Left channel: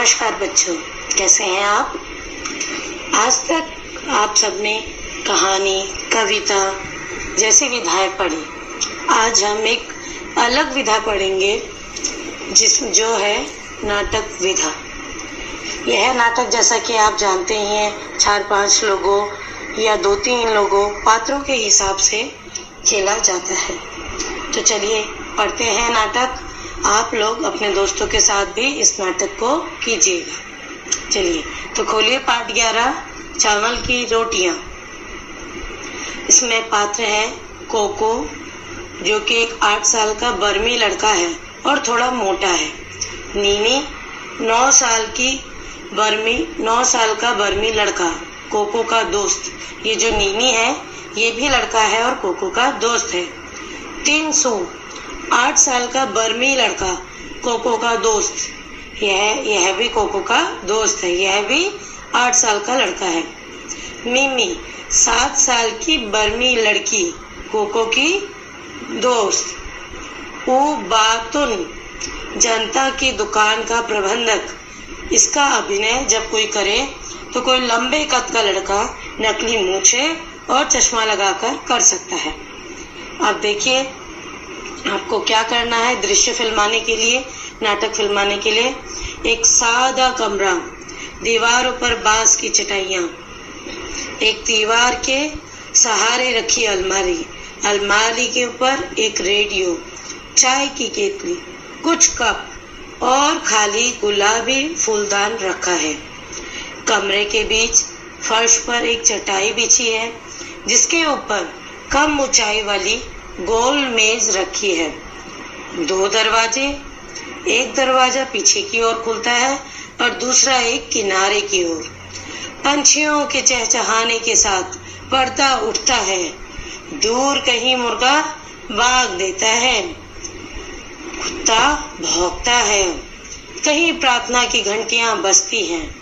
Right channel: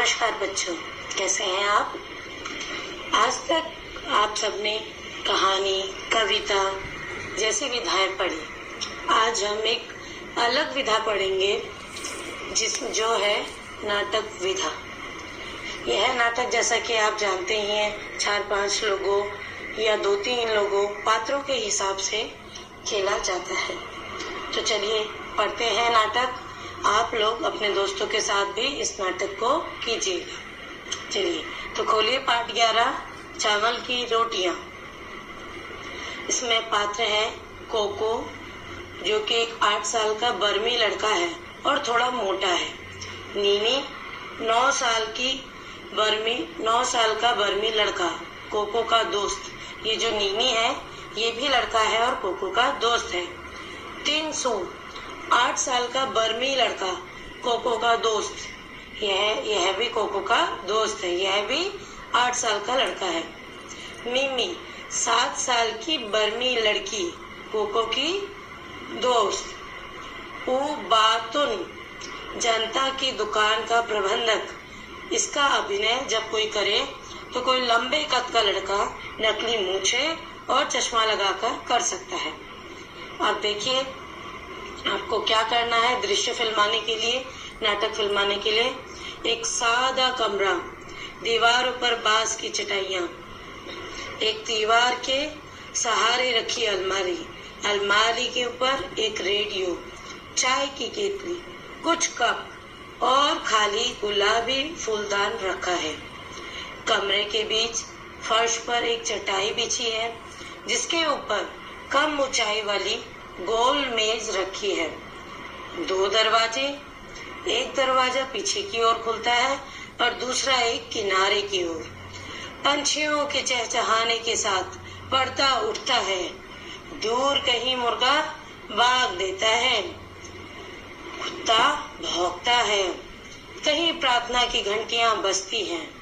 नमस्कार बच्चों, कैसे हैं आप। आज तक आप सबने कहानी, कविता जैसी विधाएं पढ़ी। आज हम एक अलग विधा पढ़ेंगे जो है नाटक विधा। यह नाटक जैसा कि आप जानते ही हैं 4-5 लोगों या 2-3 लोगों पात्रों के हिसाब से खेला जाता है। तो चलिए पढ़ते हैं नाटक। आप लोग अपने दोस्तों के साथ भी इस नाटक को कीजिएगा। चलिए तो खोलिए पाठ 11, चावल की रोटियां। इसमें पात्र है कोको, जो कि एक 8 साल का बर्मी लड़का है और थोड़ा मोटा है। नीनी 9 साल का बर्मी लड़का, कोको का दोस्त। ये जो नीनी है ये भी लड़का है और कोको का दोस्त है। 300 8 साल का बर्मी लड़का, कोको का दोस्त। यह भी कोको का दोस्त है। यह भी 8 साल का लड़का है। मिमी 7 साल की बर्मी लड़की, कोको की दोस्त। बातुन जनता की दुकान का प्रबंधक। इसका अभिनय जब कोई करे तो कोई लंबे कद का लड़का नकली मूछे और चश्मा लगाकर कर सकता है। अब देखिए आपको क्या करना है। दृश्य फिल्माने के लिए, नाटक फिल्माने के लिए एक सादा कमरा, दीवारों पर बांस की चटाइयाँ, एक दीवार के सहारे रखी अलमारी, अलमारी के ऊपर एक रेडियो, चाय की केतली, कुछ कप और खाली गुलाबी फूलदान रखा है। कमरे के बीच फर्श पर एक चटाई बिछी है जिसके ऊपर कम ऊंचाई वाली गोल मेज रखी है। 2 दरवाजे, एक दरवाजा पीछे की ओर खुलता है और दूसरा एक किनारे की ओर। पंछियों के चहचहाने के साथ पर्दा उठता है। दूर कहीं मुर्गा बाग देता है, कुत्ता भौंकता है, कहीं प्रार्थना की घंटियां बजती हैं।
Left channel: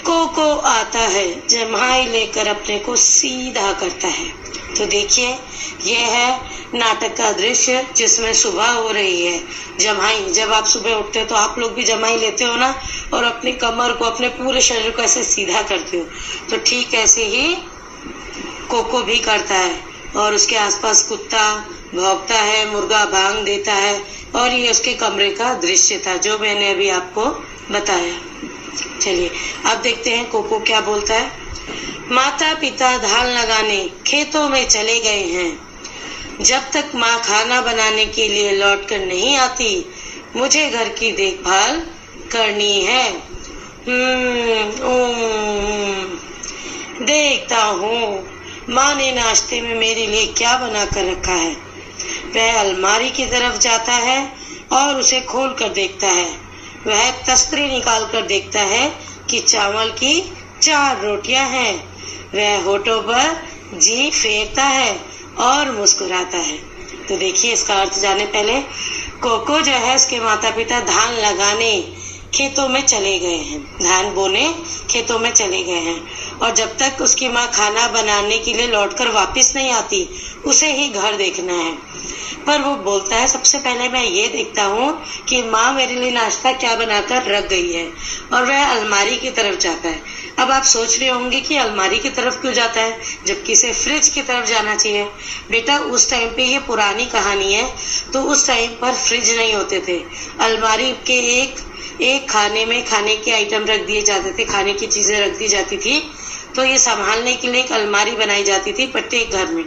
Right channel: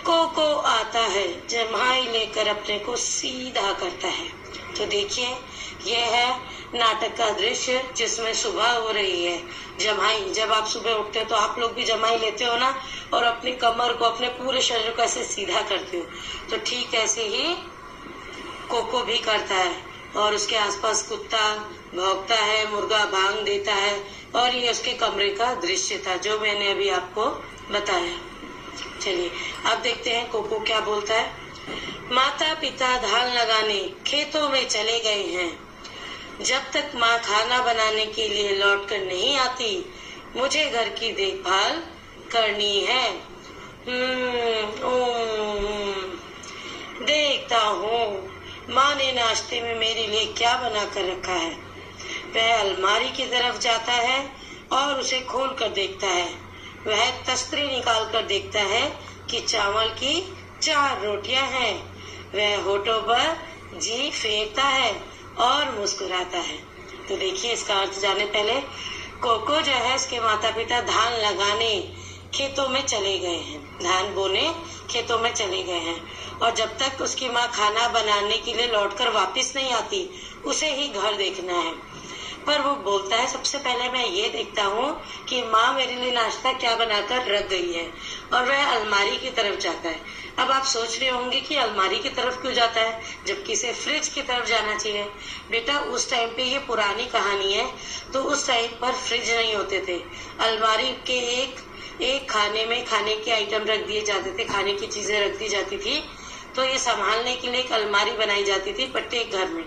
कोको आता है, जमाई लेकर अपने को सीधा करता है। तो देखिए यह है नाटक का दृश्य जिसमें सुबह हो रही है। जमाई, जब आप सुबह उठते हो तो आप लोग भी जमाई लेते हो ना, और अपनी कमर को, अपने पूरे शरीर को ऐसे सीधा करते हो। तो ठीक ऐसे ही कोको भी करता है और उसके आसपास कुत्ता भौंकता है, मुर्गा बांग देता है। और ये उसके कमरे का दृश्य था जो मैंने अभी आपको बताया। चलिए अब देखते हैं कोको क्या बोलता है। माता पिता धान लगाने खेतों में चले गए हैं। जब तक माँ खाना बनाने के लिए लौट कर नहीं आती, मुझे घर की देखभाल करनी है। देखता हूँ माँ ने नाश्ते में मेरे लिए क्या बना कर रखा है। वह अलमारी की तरफ जाता है और उसे खोल कर देखता है। वह तस्तरी निकाल कर देखता है कि चावल की 4 रोटियां हैं। वह होठों पर जी फेरता है और मुस्कुराता है। तो देखिए इसका अर्थ जाने पहले, कोको जो है उसके माता पिता धान लगाने खेतों में चले गए हैं, धान बोने खेतों में चले गए हैं। और जब तक उसकी माँ खाना बनाने के लिए लौटकर वापस नहीं आती, उसे ही घर देखना है। पर वो बोलता है सबसे पहले मैं ये देखता हूँ कि माँ मेरे लिए नाश्ता क्या बनाकर रख गई है। और वह अलमारी की तरफ जाता है। अब आप सोच रहे होंगे कि अलमारी की तरफ क्यों जाता है जबकि इसे फ्रिज की तरफ जाना चाहिए। बेटा उस टाइम पे ये पुरानी कहानी है, तो उस टाइम पर फ्रिज नहीं होते थे। अलमारी के एक खाने में खाने के आइटम रख दिए जाते थे, खाने की चीजें रख दी जाती थी। तो ये संभालने के लिए एक अलमारी बनाई जाती थी प्रत्येक घर में।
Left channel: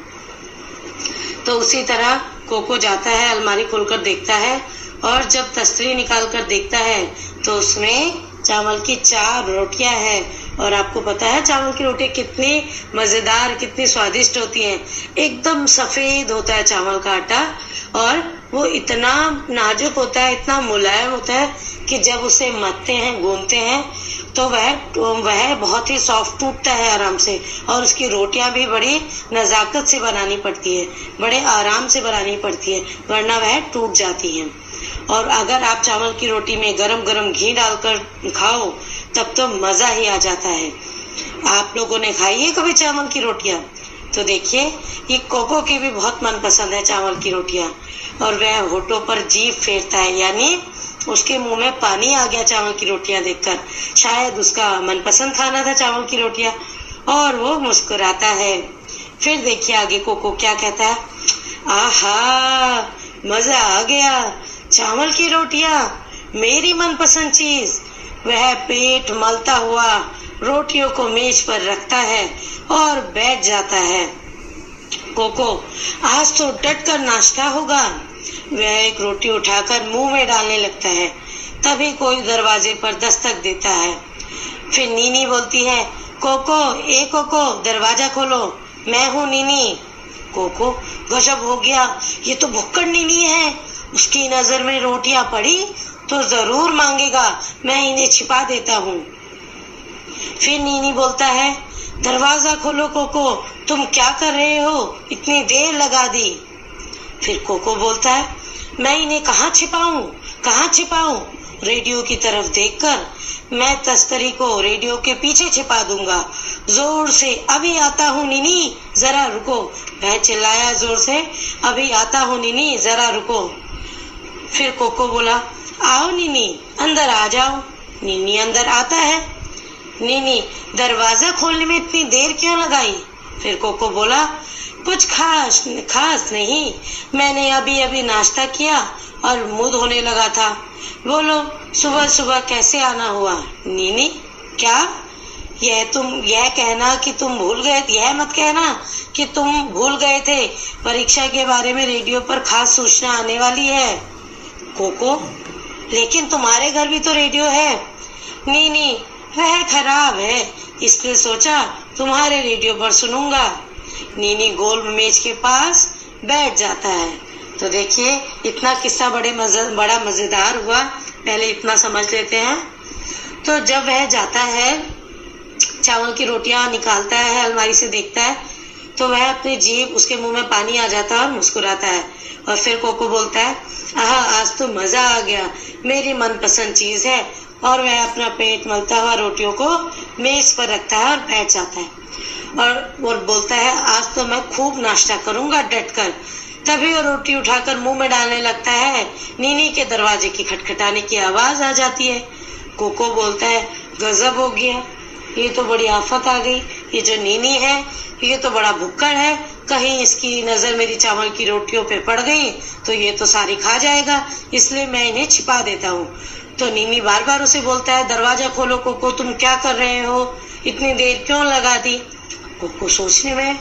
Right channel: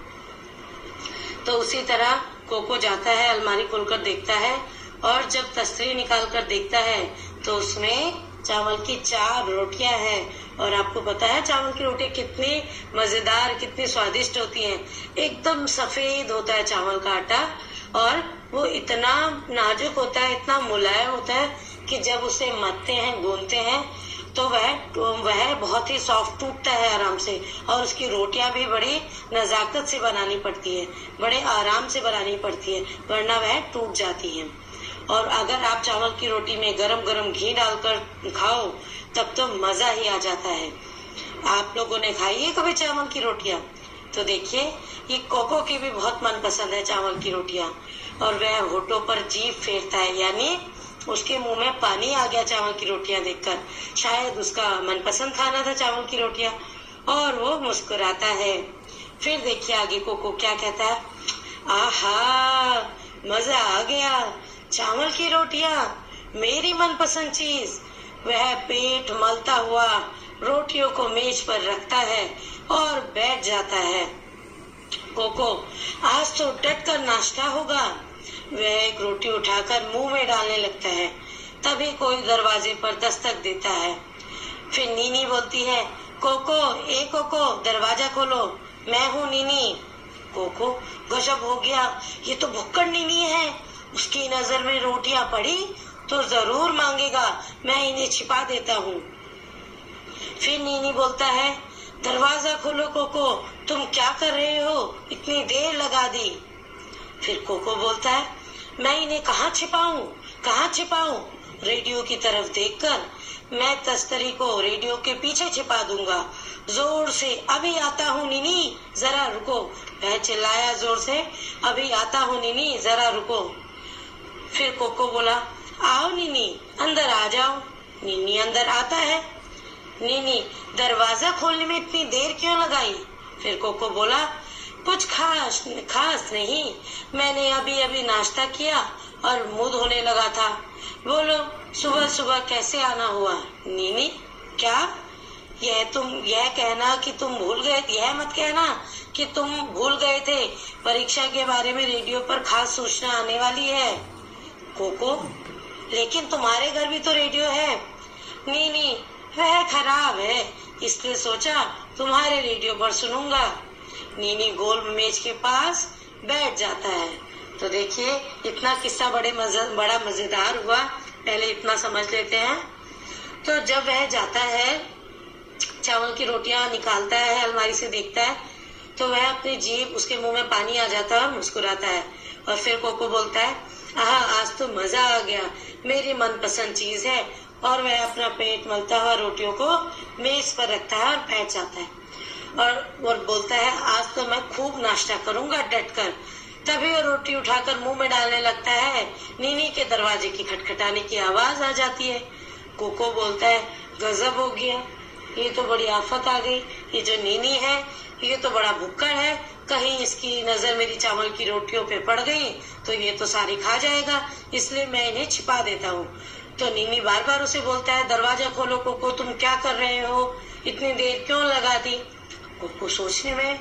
तो उसी तरह कोको जाता है, अलमारी खोलकर देखता है और जब तस्तरी निकाल कर देखता है तो उसमें चावल की 4 रोटियां हैं। और आपको पता है चावल की रोटी कितनी मजेदार, कितनी स्वादिष्ट होती हैं। एकदम सफेद होता है चावल का आटा और वो इतना नाजुक होता है, इतना मुलायम होता है कि जब उसे मथते हैं, गूंथते हैं तो वह बहुत ही सॉफ्ट टूटता है आराम से। और उसकी रोटियां भी बड़ी नजाकत से बनानी पड़ती है, बड़े आराम से बनानी पड़ती है, वरना वह टूट जाती है। और अगर आप चावल की रोटी में गरम गरम घी डालकर खाओ तब तो मजा ही आ जाता है। आप लोगों ने खाई है कभी चावल की रोटियां? तो देखिए ये कोको की भी बहुत मनपसंद है चावल की रोटियां। और वह होठों पर जीभ फेरता है, यानी उसके मुंह में पानी आ गया चावल की रोटियां देखकर। शायद उसका मनपसंद खाना था चावल की रोटियां, और वो मुस्कुराता है। फिर देखिए आगे कोको क्या कहता है। आहा, मजा आ गया, चावल की रोटियां, मेरी मनपसंद चीज। वह पेट मलता हुआ रोटियों को मेज पर रखता है और बैठ जाता है। कोको, आज तो डट कर नाश्ता होगा। वह एक रोटी उठाकर मुंह में डालने लगता है। तभी कोई दरवाजे पर दस्तक देता है। फिर नीनी बोलती है, कोको, ए कोको, दरवाजा खोलो, मैं हूँ नीनी। कोको, गजब हो गया, ये तो भुक्कड़ नीनी है। उसकी नजर में रोटियां पड़ी तो जरूर मांगेगा, मैं इन्हें छिपा देता हूँ। फिर नीनी बोलता है, दरवाजा खोलो कोको, तुम क्या कर रहे हो, इतनी देर लगा दी। फिर कोको बोलता है, मैं इन्हें कहाँ छिपाऊं? रेडियो की तरफ देखकर मैं तस्करी को रेडियो के पीछे छिपा दूंगा। जोर से, अभी आता हूँ नीनी, जरा रुको। वह चिल्लाया जोर से, अभी आता हूँ नीनी, जरा रुको। फिर कोको बोला, आओ नीनी, अंदर आ जाओ। नीनी अंदर आता है। नीनी, दरवाजा खोलने में इतनी देर क्यों लगाई? फिर कोको बोला, कुछ खास नहीं, मैंने अभी नाश्ता किया और मुंह धोने लगा था। बोलो, सुबह सुबह कैसे आना हुआ? नीनी, क्या? यह कहना कि तुम भूल गए, यह मत कहना कि तुम भूल गए थे, परीक्षा के बारे में रेडियो पर खास सूचना आने वाली है। कोको, लेकिन तुम्हारे घर भी तो रेडियो है। नीनी, वह खराब है, इसलिए सोचा तुम्हारे रेडियो पर सुनूंगा। नीनी गोल मेज के पास बैठ जाता है। तो देखिए, इतना किस्सा बड़ा मजेदार हुआ। पहले इतना समझ लेते हैं। तो जब वह जाता है, चावल की रोटियां निकालता है, अलमारी से देखता है, तो वह अपनी जीभ, उसके मुंह में पानी आ जाता है और मुस्कुराता है। और फिर कोको बोलता है, आहा, आज तो मजा आ गया, मेरी मनपसंद चीज है। और वह अपना पेट मलता हुआ रोटियों को मेज पर रखता है और बैठ जाता है और बोलता है, आज तो मैं खूब नाश्ता करूंगा डट कर। तभी वो रोटी उठाकर मुंह में डालने लगता है। नीनी के दरवाजे की खटखटाने की आवाज आ जाती है। कोको बोलता है, गजब हो गया, ये तो बड़ी आफत आ गई। ये जो नीनी है, ये तो बड़ा भुक्कड़ है, कहीं इसकी नजर मेरी चावल की रोटियों पे पड़ गई तो ये तो सारी खा जाएगा, इसलिए मैं इन्हें छिपा देता हूँ। तो नीनी बार बार उसे बोलता है, दरवाजा खोलो कोको, तुम क्या कर रहे हो, इतनी देर क्यों लगा दी? कोको सोचने में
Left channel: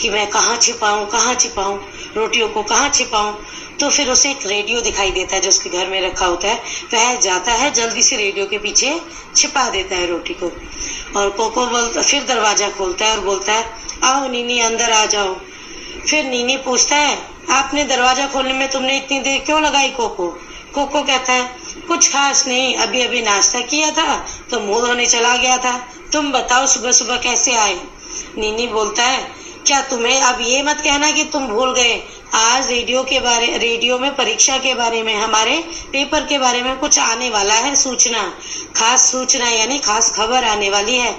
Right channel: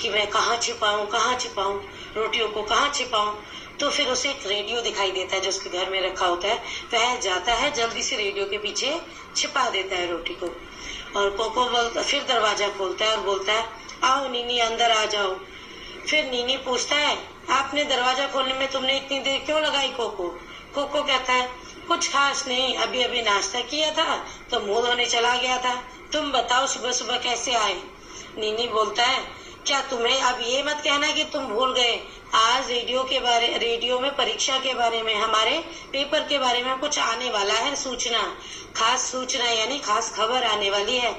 कि मैं कहाँ छिपाऊं, रोटियों को कहाँ छिपाऊं। तो फिर उसे एक रेडियो दिखाई देता है जो उसके घर में रखा होता है। वह जाता है, जल्दी से रेडियो के पीछे छिपा देता है रोटी को। और कोको फिर दरवाजा खोलता है और बोलता है, आओ नीनी, अंदर आ जाओ। फिर नीनी पूछता है, आपने दरवाजा खोलने में तुमने इतनी देर क्यों लगाई कोको? कोको कहता है, कुछ खास नहीं, अभी नाश्ता किया था तो मुंह धोने चला गया था। तुम बताओ, सुबह सुबह कैसे आए? नीनी बोलता है, क्या तुम्हें अब ये मत कहना कि तुम भूल गए, आज रेडियो में परीक्षा के बारे में, हमारे पेपर के बारे में कुछ आने वाला है, खास सूचना यानी खास खबर आने वाली है।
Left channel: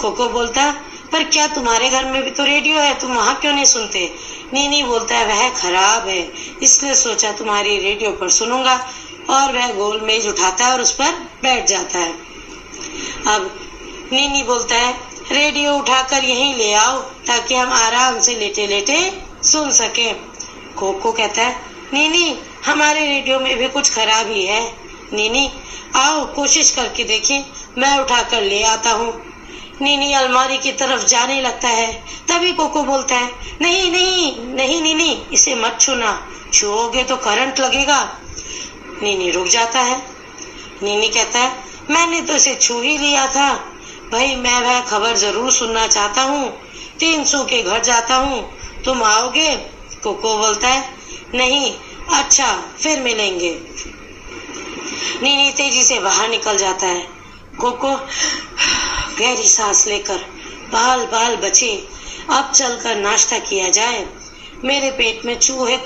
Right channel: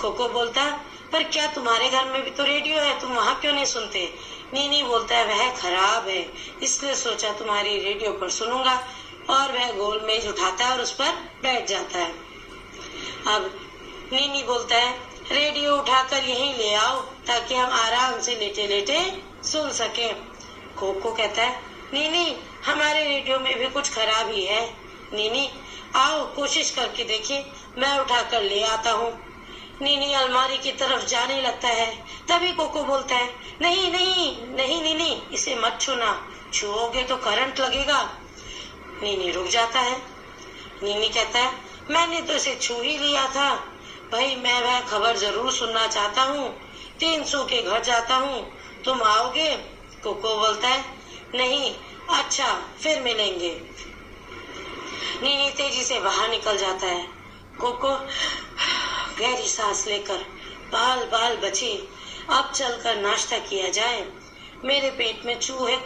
कोको बोलता है, पर क्या तुम्हारे घर में भी तो रेडियो है, तुम वहाँ क्यों नहीं सुनते? नीनी बोलता है, वह खराब है, इसलिए सोचा तुम्हारी रेडियो पर सुनूंगा। और वह गोल मेज उठाता है और उस पर बैठ जाता है। अब नीनी बोलता है, रेडियो उठाकर यहीं ले आओ ताकि हम आराम से लेटे लेटे सुन सके। कोको कहता है, नीनी, हमारे रेडियो में भी कुछ खराबी है। नीनी, आओ कोशिश करके देखिए, मैं उठाकर ले आता हूँ। नीनी अलमारी की तरफ जाने लगता है। तभी कोको बोलता है, नहीं नीनी, इसे मत छूना, छुओगे तो करंट लगेगा। नीनी रुक जाता है। नीनी कहता है, मैंने तो इसे छू ही लिया था भाई, मैं वह खबर जरूर सुनना चाहता हूँ। 300 के घर जाता हूँ, तुम आओगे? कोको बोलता है, नहीं। अच्छा, फिर मिलेंगे। नीनी तेजी से बाहर निकल जाता है। कोको गहरी सांस लेकर, बाल बचे, अब चलकर नाश्ता किया जाए, मेरे पेट में चूहे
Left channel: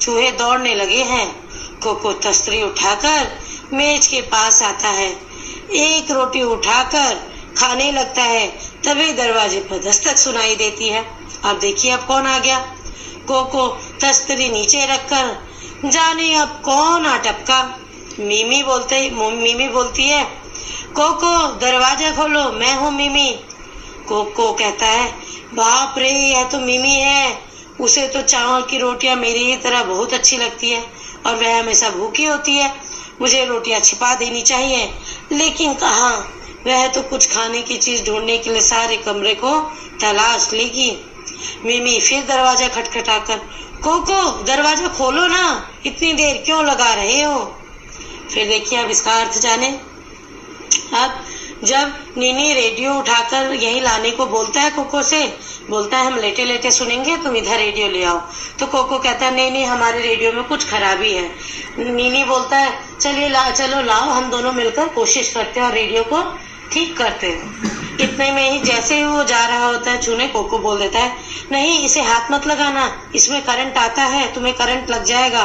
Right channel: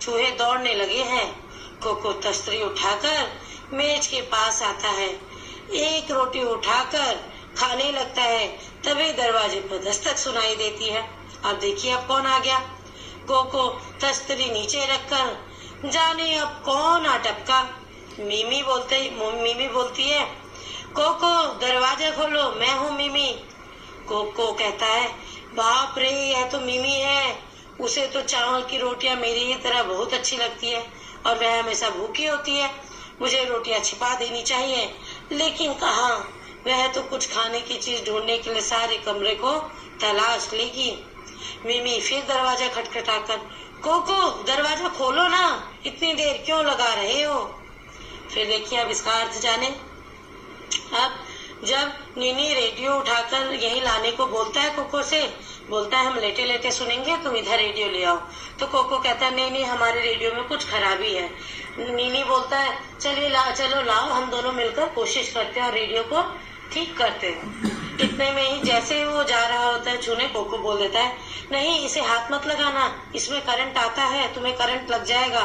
चूहे दौड़ने लगे हैं। कोको तस्तरी उठाकर मेज के पास आता है, एक रोटी उठाकर खाने लगता है। तभी दरवाजे पर दस्तक सुनाई देती है। अब देखिए अब कौन आ गया। कोको तस्तरी नीचे रखकर जाने अब कौन आ टपका। मिमी बोलती है, कोको दरवाजा खोलो, मैं हूँ मिमी। कोको कहता है, बाप रे, यह तो मिमी है। उसे तो चावल की रोटियां मेरी ही तरह बहुत अच्छी लगती है और वह हमेशा भूखी होती है। मुझे रोटियां छिपा देनी चाहिए, लेकिन कहाँ, वह तो कुछ खाने की चीज ढूंढने के लिए सारे कमरे को तलाश लेगी। मिमी फिर दरवाजा खटखटाकर, कोको दरवाजा खोलो ना, इतनी देर क्यों लगा रहे हो। फिर देखिए अब इसका अर्थ जाने। अब जब नीनी रेडियो उठाकर यहीं लाने को बोलता है कोको से, बोलता है हम लेटे लेटे सुनेंगे, तुम इधर रेडियो ले आओ। तो कोको कहता है नहीं, हमारे रेडियो में कुछ खराबी है। नीनी बोलता है चलो लाओ, हम दोनों मिलकर कोशिश करते हैं और रेडियो को ठीक करते हैं। इतने में ही जैसे ही वो जा रहा होता है छूने, कोको बोल देता है, नहीं इसे हाथ मत लगाना, इसमें करंट आता है, तुम्हें करंट लग जाएगा।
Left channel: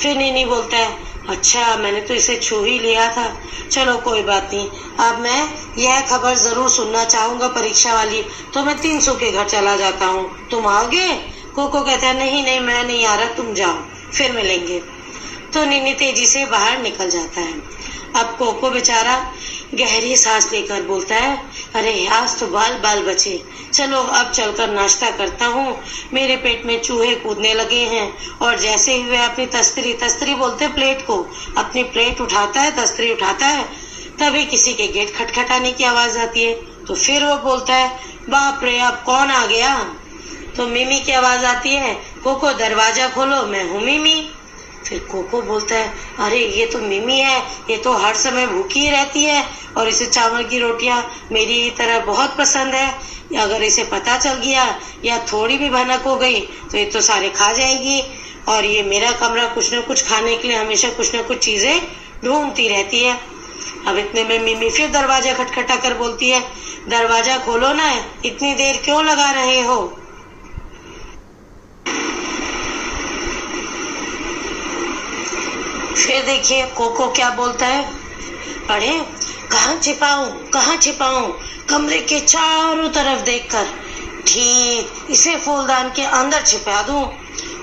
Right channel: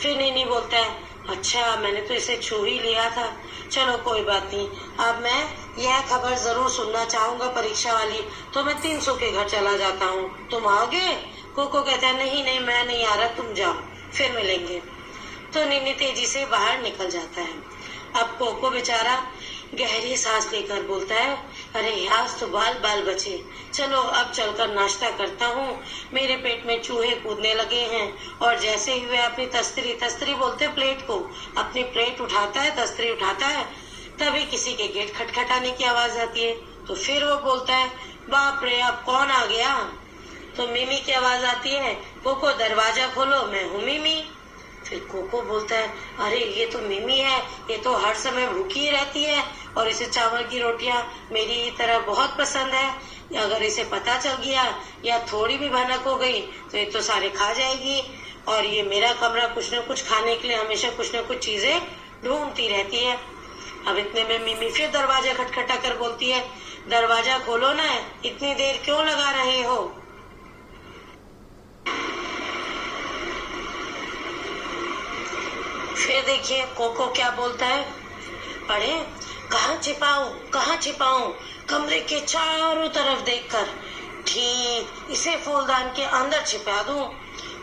फिर नीनी बोलता है, अच्छा मैंने तो इसे छू ही लिया था, चलो कोई बात नहीं, अब मैं यह खबर जरूर सुनना चाहूंगा परीक्षा वाली, तो मैं 300 के घर चला जाता हूँ, तुम आओगे। कोको कहता है नहीं मैं नहीं आ रहा, तुम जाओ, फिर मिलेंगे। तो नीनी तेजी से बाहर निकल जाता है। अब कोको बेचारा गहरी सांस लेकर बोलता है, अरे आज तो बाल बचे, चलो अब चलकर नाश्ता करता हूँ, मेरे पेट में चूहे कूदने लगे हैं। और जैसे ही वह अपनी तस्तरी बोलते प्लेट को, अपनी प्लेट उठाता है, तस्तरी उठाता है, तभी किसी के गेट खटखटाने की आवाज आती है। तो फिर वो बोलता है, बाप रे अब कौन आ गया। तो मिमी की आवाज आती है, कोको दरवाजा खोलो, मैं हूँ मिमी। फिर कोको बोलता है, अरे ये तो मिमी है, ये तो हर समय भूखी ही रहती है और इसे चावल की रोटियां मेरी तरह बहुत पसंद है। अगर इसे पता चल गया या थोड़ी भी भनक हो गई तो ये तो सारे खा जाएगी, और ये मेरा कमरा कुछ न कुछ खाने के लिए हमेशा कुछ न कुछ चीजें ढूंढती रहती है। अब इतने में मिमी फिर दरवाजा खटखटा कर बोलती है, दरवाजा खोलो ना, इतनी देर क्यों लगा रहे हो। फिर देखिए कोको क्या बोलता है, अरे कहाँ छिपाऊं, कमरे के चारों तरफ देखकर, ठीक इसे फूलदान के अंदर छिपा दूं।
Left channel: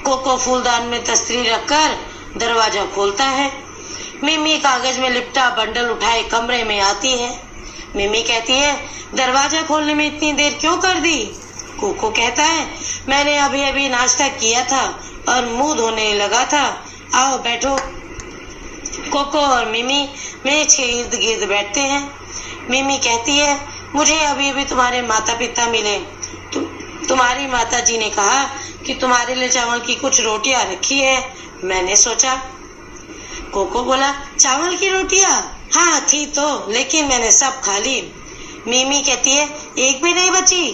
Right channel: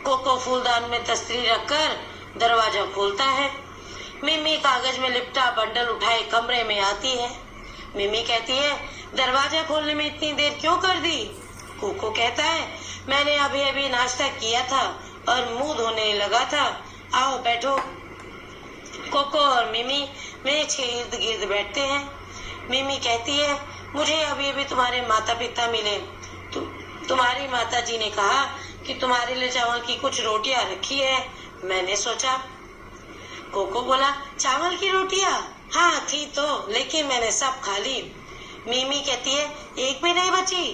कोको फूलदान में तस्तरी रखकर दरवाजा खोलता है। मिमी कागज में लिपटा बंडल उठाए कमरे में आती है। मिमी कहती है, दरवाजा खोलने में इतनी देर क्यों कर दी। कोको कहता है, मैंने अभी अभी नाश्ता किया था और मुंह धोने लगा था, आओ बैठो। कोको और मिमी मेज के इर्द गिर्द बैठते हैं। मिमी कहती है, मुझे अभी अभी तुम्हारे माता पिता मिले, तुम्हारी माता जी ने कहा कि तुम्हारे लिए चावल की कुछ रोटियां रखी है, मैंने सोचा। कोको बोला, चावल की रोटियां? हाँ थी तो, लेकिन मैंने सब खा ली। मिमी कहती है, एक भी नहीं बची।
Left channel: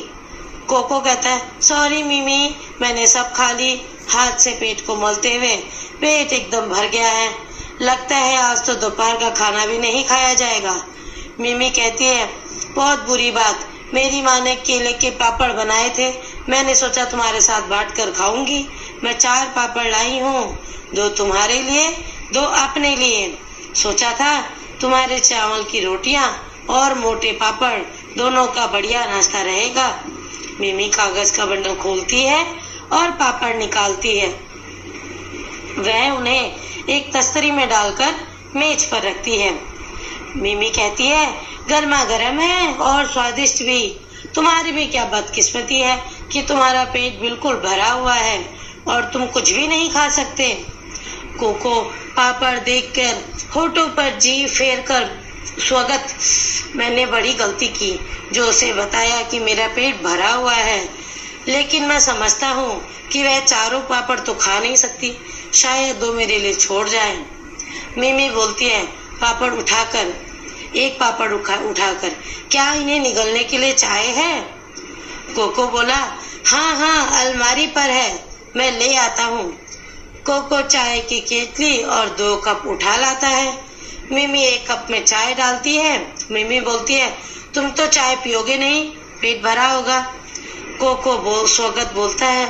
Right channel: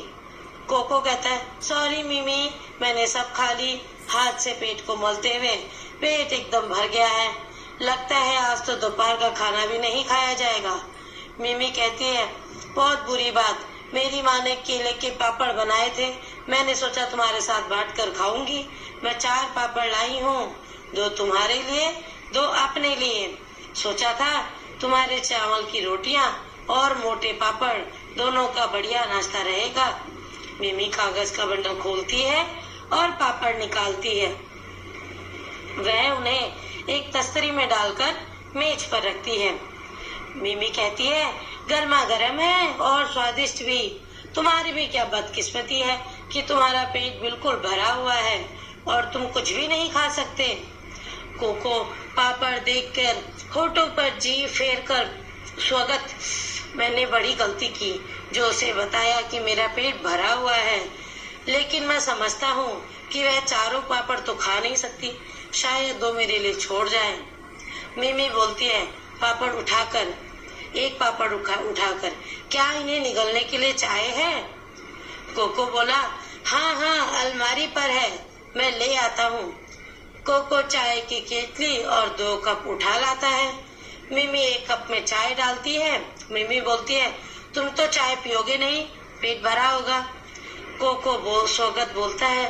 कोको कहता है, सॉरी मिमी, मैंने सब खा ली। हाथ से पेट को मलते हुए, पेट एकदम भर गया है, लगता है आज तो दोपहर का खाना भी नहीं खाया जाएगा। मिमी कहती है, बहुत बुरी बात, मेरी माँ ने केले के पापड़ बनाए थे, मैंने सोचा तुम्हारे साथ बांट कर खाऊंगी। मैं 4 पापड़ लाई हूँ, 2 तुम्हारे लिए, 2 अपने लिए। सोचा था तुम्हारे चावल की रोटियां और मोटे पापड़ दोनों का बढ़िया नाश्ता रहेगा। मिमी कागज का बंडल खोलती है और पापड़ निकालती है। वह उन्हें एक तस्तरी में डालकर मेज पर रखती है। मिमी कहती है, गर्मा गर्म है और स्वादिष्ट भी। तुम्हारी भी क्या बदकिस्मती है कि तुम्हारा पेट बिल्कुल भरा हुआ है और तुम कुछ भी नहीं खा सकते। कोको पापड़ देखकर होठों पर जीभ फेर कर, स्वागत, मैंने बड़ी गलती की जो उसे बताया कि मेरा पेट भरा हुआ है, लेकिन मैं समझता हूँ कि वह 4 पापड़ तो खा नहीं सकती, शायद 2 मेरे लिए छोड़ जाए। मिमी बोलती है, पापड़ उठाकर, एक पापड़ उठाकर, क्या इन्हें निगलने के लिए चाय है। कोको बोला, हाँ अलमारी पर है, मैं ले आता हूँ। कोको चाय की केतली और 2 कप उठा लाता है। मिमी 1 कप में चाय डालती है। मिमी बोलती है, तुम तो चाय पियोगे नहीं, पेट भरा होगा। कोको स्वागत बोलता है,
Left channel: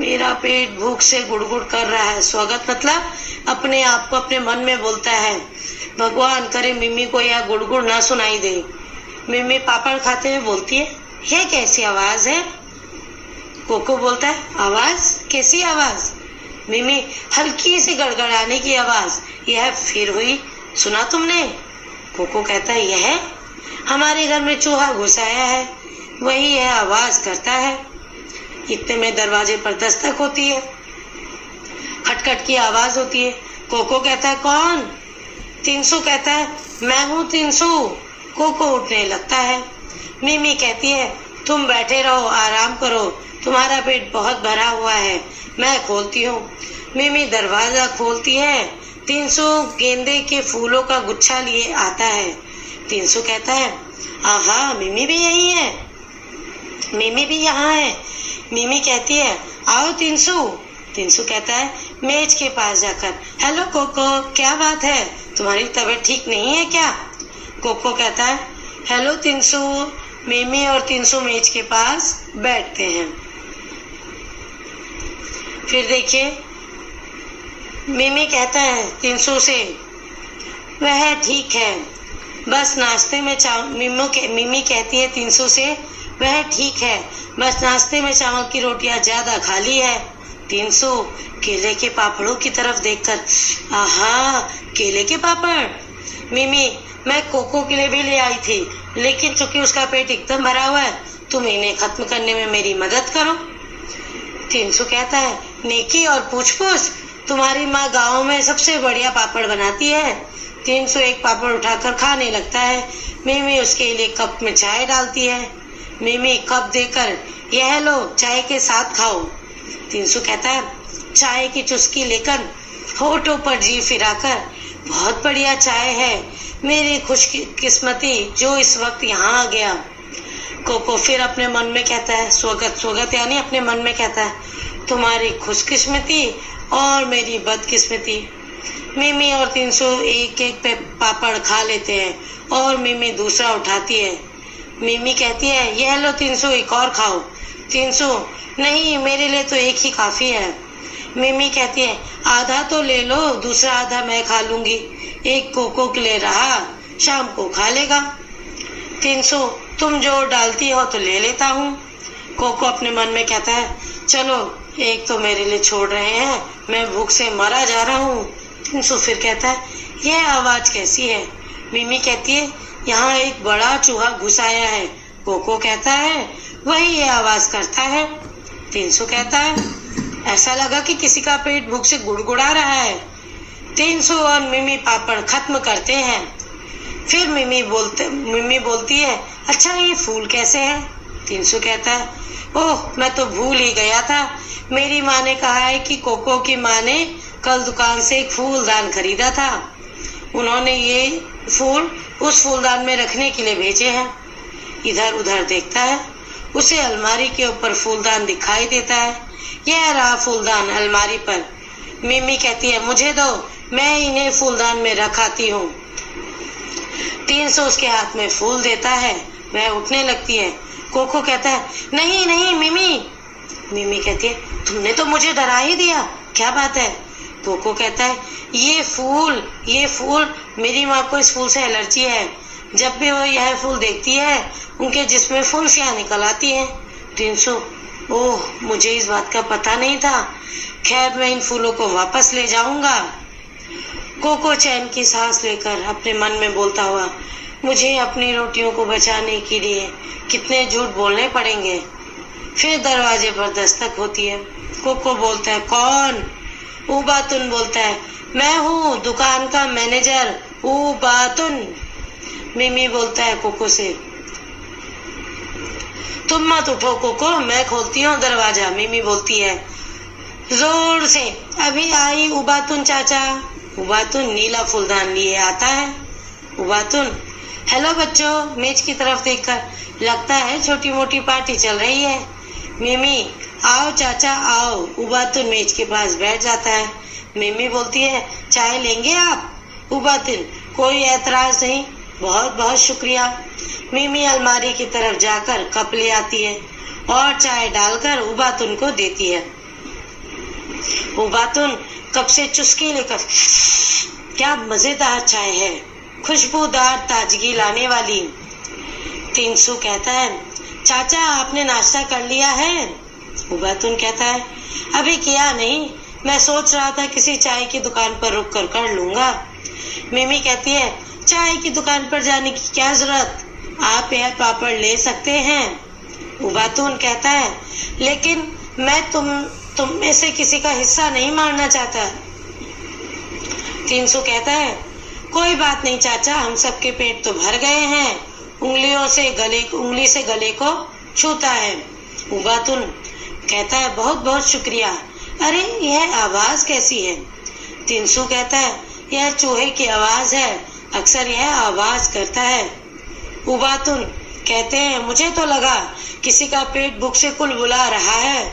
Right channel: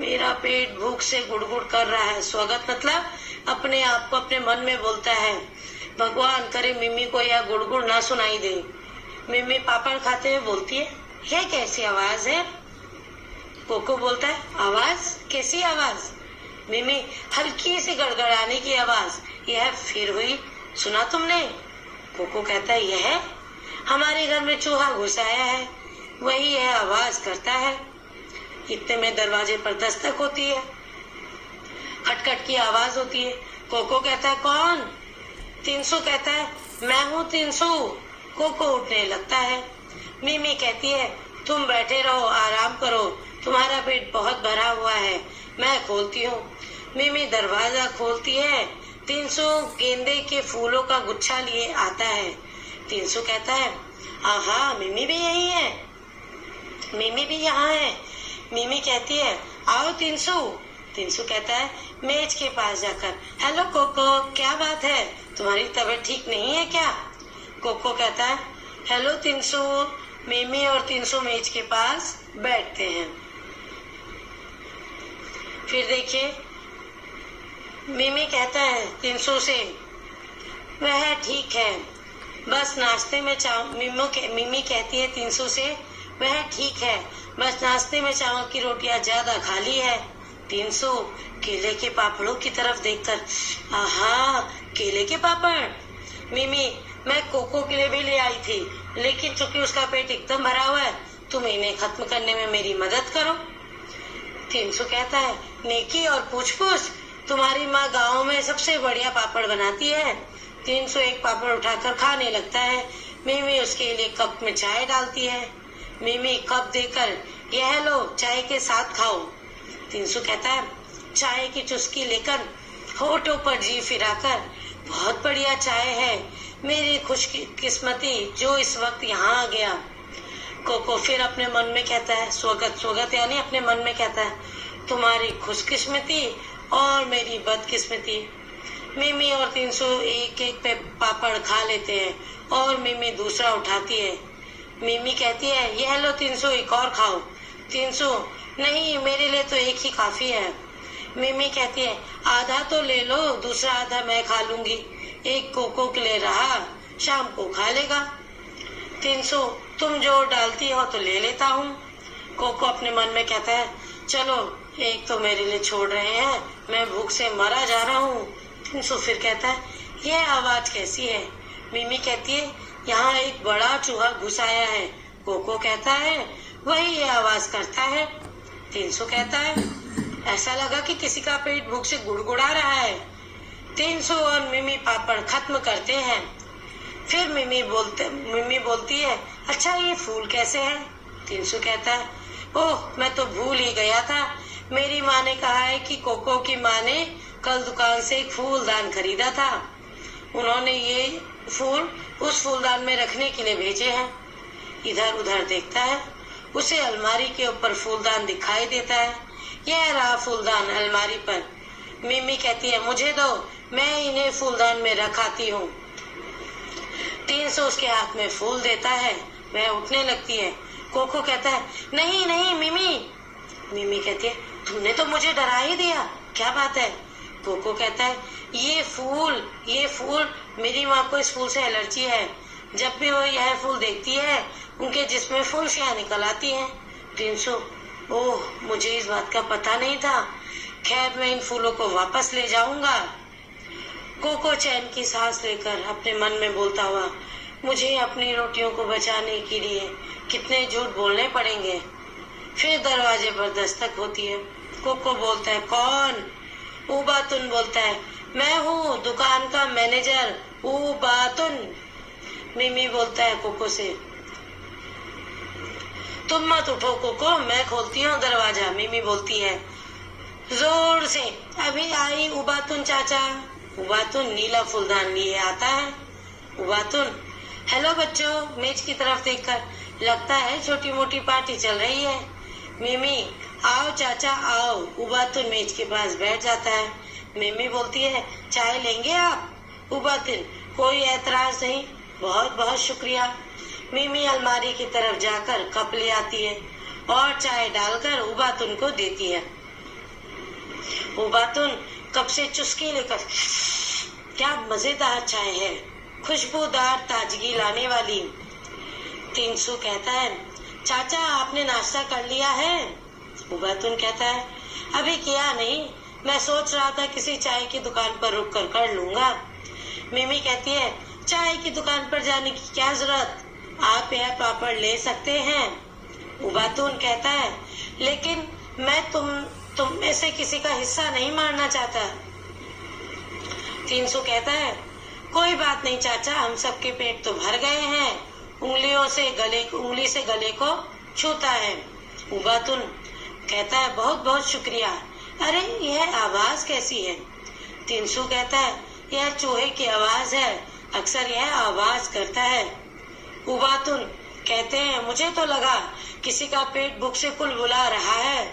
मेरा पेट भूख से गुड़गुड़ कर रहा है। स्वागत मतलब अपने आप को अपने मन में बोलता है, भगवान करे मिमी को यह गुड़गुड़ ना सुनाई दे। मिमी पापड़ खाते हुए बोलती है, यह कैसी आवाज है। कोको बोलता है, आवाज? कैसी आवाज? मिमी हल्की सी गड़गड़ाने की आवाज यह फिर हुई, सुना तुमने? कोको कहता है यह हमारे घर में चूहा घुस आया है, वही यह आवाज करता है। इतने में दरवाजे पर दस्तक होती है, खटखट की आवाज होती है। कोको कहता है कौन? तिनसु कहता है मैं हूँ तिनसु। कोको उठने लगता है। मिमी कहती है तुम बैठे रहो, आराम करो, तुम्हारा पेट बहुत भरा हुआ है, मैं खोलती हूँ। मिमी दरवाजा खोलती है। तिनसु गेंदे के फूलों का गुच्छा लिए आता है। तिनसु कहता है आहा मिमी भी यही है, मिमी भी यहाँ है। मिमी कहती है आओ तिनसु। तिनसु कहता है मेज के पास जाकर, हेलो कोको, क्या बात है, तुम्हारी तबीयत ठीक नहीं है क्या? कोको कहता है हेलो तिनसु। मिमी और तिनसु मेज के पास बैठते हैं। फिर देखिए मिमी कहता है तिनसु से वह ठीक है, बस नाश्ते में मिमी कहती है तिनसु से वह ठीक है, बस नाश्ते में चावल की रोटियां ज्यादा खा ली है। तिनसु केले के पापड़ों की तरफ देखकर, आहा केले के पापड़। मिमी मैं कोको के लिए भी ले आई थी, लेकिन चूंकि उसका पेट एकदम भरा हुआ है, तुम इन्हें खत्म करने में मेरी मदद करो। तिनसु कहता है नेकी और पूछ पूछ, तुम्हारी माँ गाँव में सबसे बढ़िया पापड़ बनाती है। तिनसु एक पापड़ उठाकर खाने लगता है। मिमी उसके लिए कप में चाय डालती है। मिमी कप देकर यह लो चाय के साथ खाओ। तिनसु कहता है चाय की चुस्की लेकर होठों पर जी फिराकर, बहुत बढ़िया चाय है, मेरी खुशकिस्मती जो इस वक्त यहाँ आ गया। कोको फिर अपने मन में कहता है स्वगत स्वगत यानी अपने मन में कहता है तुम्हारी खुशकिस्मती और मेरी बदकिस्मती। मिमी और तिनसु एक एक पे पापड़ खा लेते हैं और मिमी दूसरा उठाती है। मिमी कहती है यह लो तिनसु, एक और खाओ। तिनसु नहीं, मेरे लिए तो एक ही काफी है। मिमी कहती है आधा तो ले लो, दूसरा आधा मैं खा लूंगी, एक कोको के लिए रहा, शाम को खा लेगा। तिनसु तुम जोर डालती हो तो ले लेता हूँ। कोको अपने मन में कहता है चलो एक तो मेरे लिए छोड़ रहे हैं, मैं भूख से मरा जा रहा हूँ। तिनसु फिर कहता है यह आवाज कैसी है? मिमी कहती है यहाँ एक बड़ा चूहा घुस आया है। कोको कहता है वही ये आवाज करता है। तिनसु कहता है ऐसा लगा कि किसी का पेट भूख से गुड़गुड़ा रहा है। तिनसु और मिमी पापड़ खत्म करते हैं। फिर मिमी बोलती है अच्छा ये फूल कैसे है? तिनसु कहता है ओह मैं तो भूल ही गया था, मेरी माँ ने कहा है कि कोको की माँ ने कल दुकान से एक फूलदान खरीदा था, उन्होंने ये फूल उस फूलदान में रखने के लिए भेजे हैं। इधर उधर देखता है, उसे अलमारी के ऊपर फूलदान दिखाई देता है। यह रहा फूलदान अलमारी पर। मिमी कहती है मुझे दो, मैं इन्हें फूलदान में रख आती हूँ। तिनसु उसके हाथ में फूल देता है, वह उठने लगती है। कोको कहता है नहीं नहीं मिमी। मिमी कहती है तुमने तो मुझे डरा ही दिया, क्या बात है? कोको कहता है ये फूल मेरी माँ को इस फूल से एलर्जी है, जब भी वो यह फूल देखती है उनके जिस्म में फुंसियाँ निकल आती हैं। तिनसु ओह मुझे इस बात का पता नहीं था, खैर मैं इन फूलों को वापस ले जाऊंगा। कोको चैन की सांस लेकर अपने मन में बोलता हुआ मुझे अपनी रोटियों को बचाने के लिए कितने झूठ बोलने पड़ेंगे। फिर दरवाजे पर दस्तक होती है। कोको बोलता है कौन? उबातुन बोलता है मैं हूँ दुकान का मैनेजर उबातुन। मिमी बोलता है कोको से तुम मत उठो कोको, मैं खोलती हूँ दरवाजा। मिमी बोलती है जोर से अभी आई उबातुन चाचा। उबातुन नीला फूलदान लिए आता है। उबातुन हेलो बच्चों, मेज की तरफ देखकर लगता है छोटी मोटी पार्टी चल रही है। मिमी आओ चाचा आओ। उबातुन मेज के पास बैठ जाता है। मिमी बोलती है चाय लेंगे आप? उबातुन कोई ऐतराज नहीं, बहुत बहुत शुक्रिया। मिमी अलमारी की तरफ जाकर कप ले आती है और चाय डालकर उबातुन को देती है। उबातुन कप से चुस्की लेकर क्या मजेदार चाय है, खुशबूदार ताजगी लाने वाली। तिनसु कहता है चाचा आपने नाश्ता कर लिया है? उबातुन कहता है अभी किया नहीं, मैं सोच रहा था किसी चाय की दुकान पर रुक कर लूंगा। मिमी कहती है, चाय की दुकान पर जाने की क्या जरूरत, आप यह पापड़ ले सकते हैं। उबातून कहता है, लेकिन मैं तुम में से किसी का हिस्सा नहीं मारना चाहता। तीनसू कहता है, कोई बात नहीं चाचा, हम सबके पेट तो भर गए हैं। उंगली से गले को छूता है। उबातुन कहता है, बहुत बहुत शुक्रिया। अरे यह आवाज कैसी है? तीनसू कहता है, यह चूहे की आवाज है, अक्सर यह आवाज करता है। उबातुन कहते हैं, मुझे तो लगा किसी का पेट भूख से कुलबुला रहा है।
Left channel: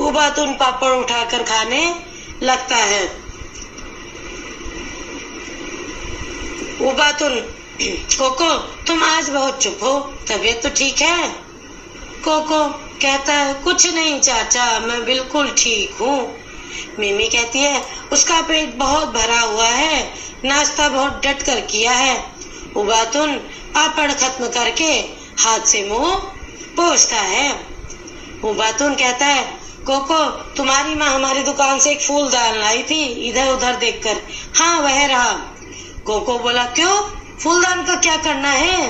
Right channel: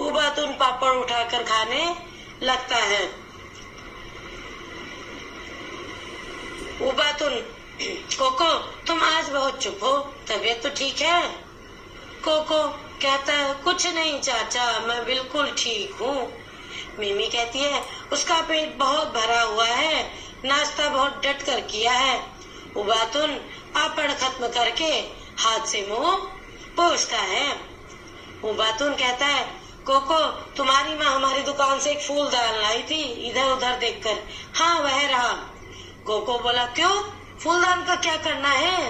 उबातुन पापड़ उठाकर खाने लगता है। उबातुन, कोको तुम आज बहुत चुप हो, तबीयत तो ठीक है? कोको कहता है, कुछ नहीं चाचा, मैं बिल्कुल ठीक हूँ। मिमी कहती है, उसका पेट बहुत भरा हुआ है, नाश्ता बहुत डट कर किया है। उबातुन पापड़ खत्म करके हाथ से मुंह पोंछता है। उबातुन कहता है, कोको तुम्हारी माँ हमारी दुकान से एक फूलदान लाई थी, इधर उधर देखकर। हाँ वह रहा। कोको बोला, क्यों, फूलदान का क्या करना है?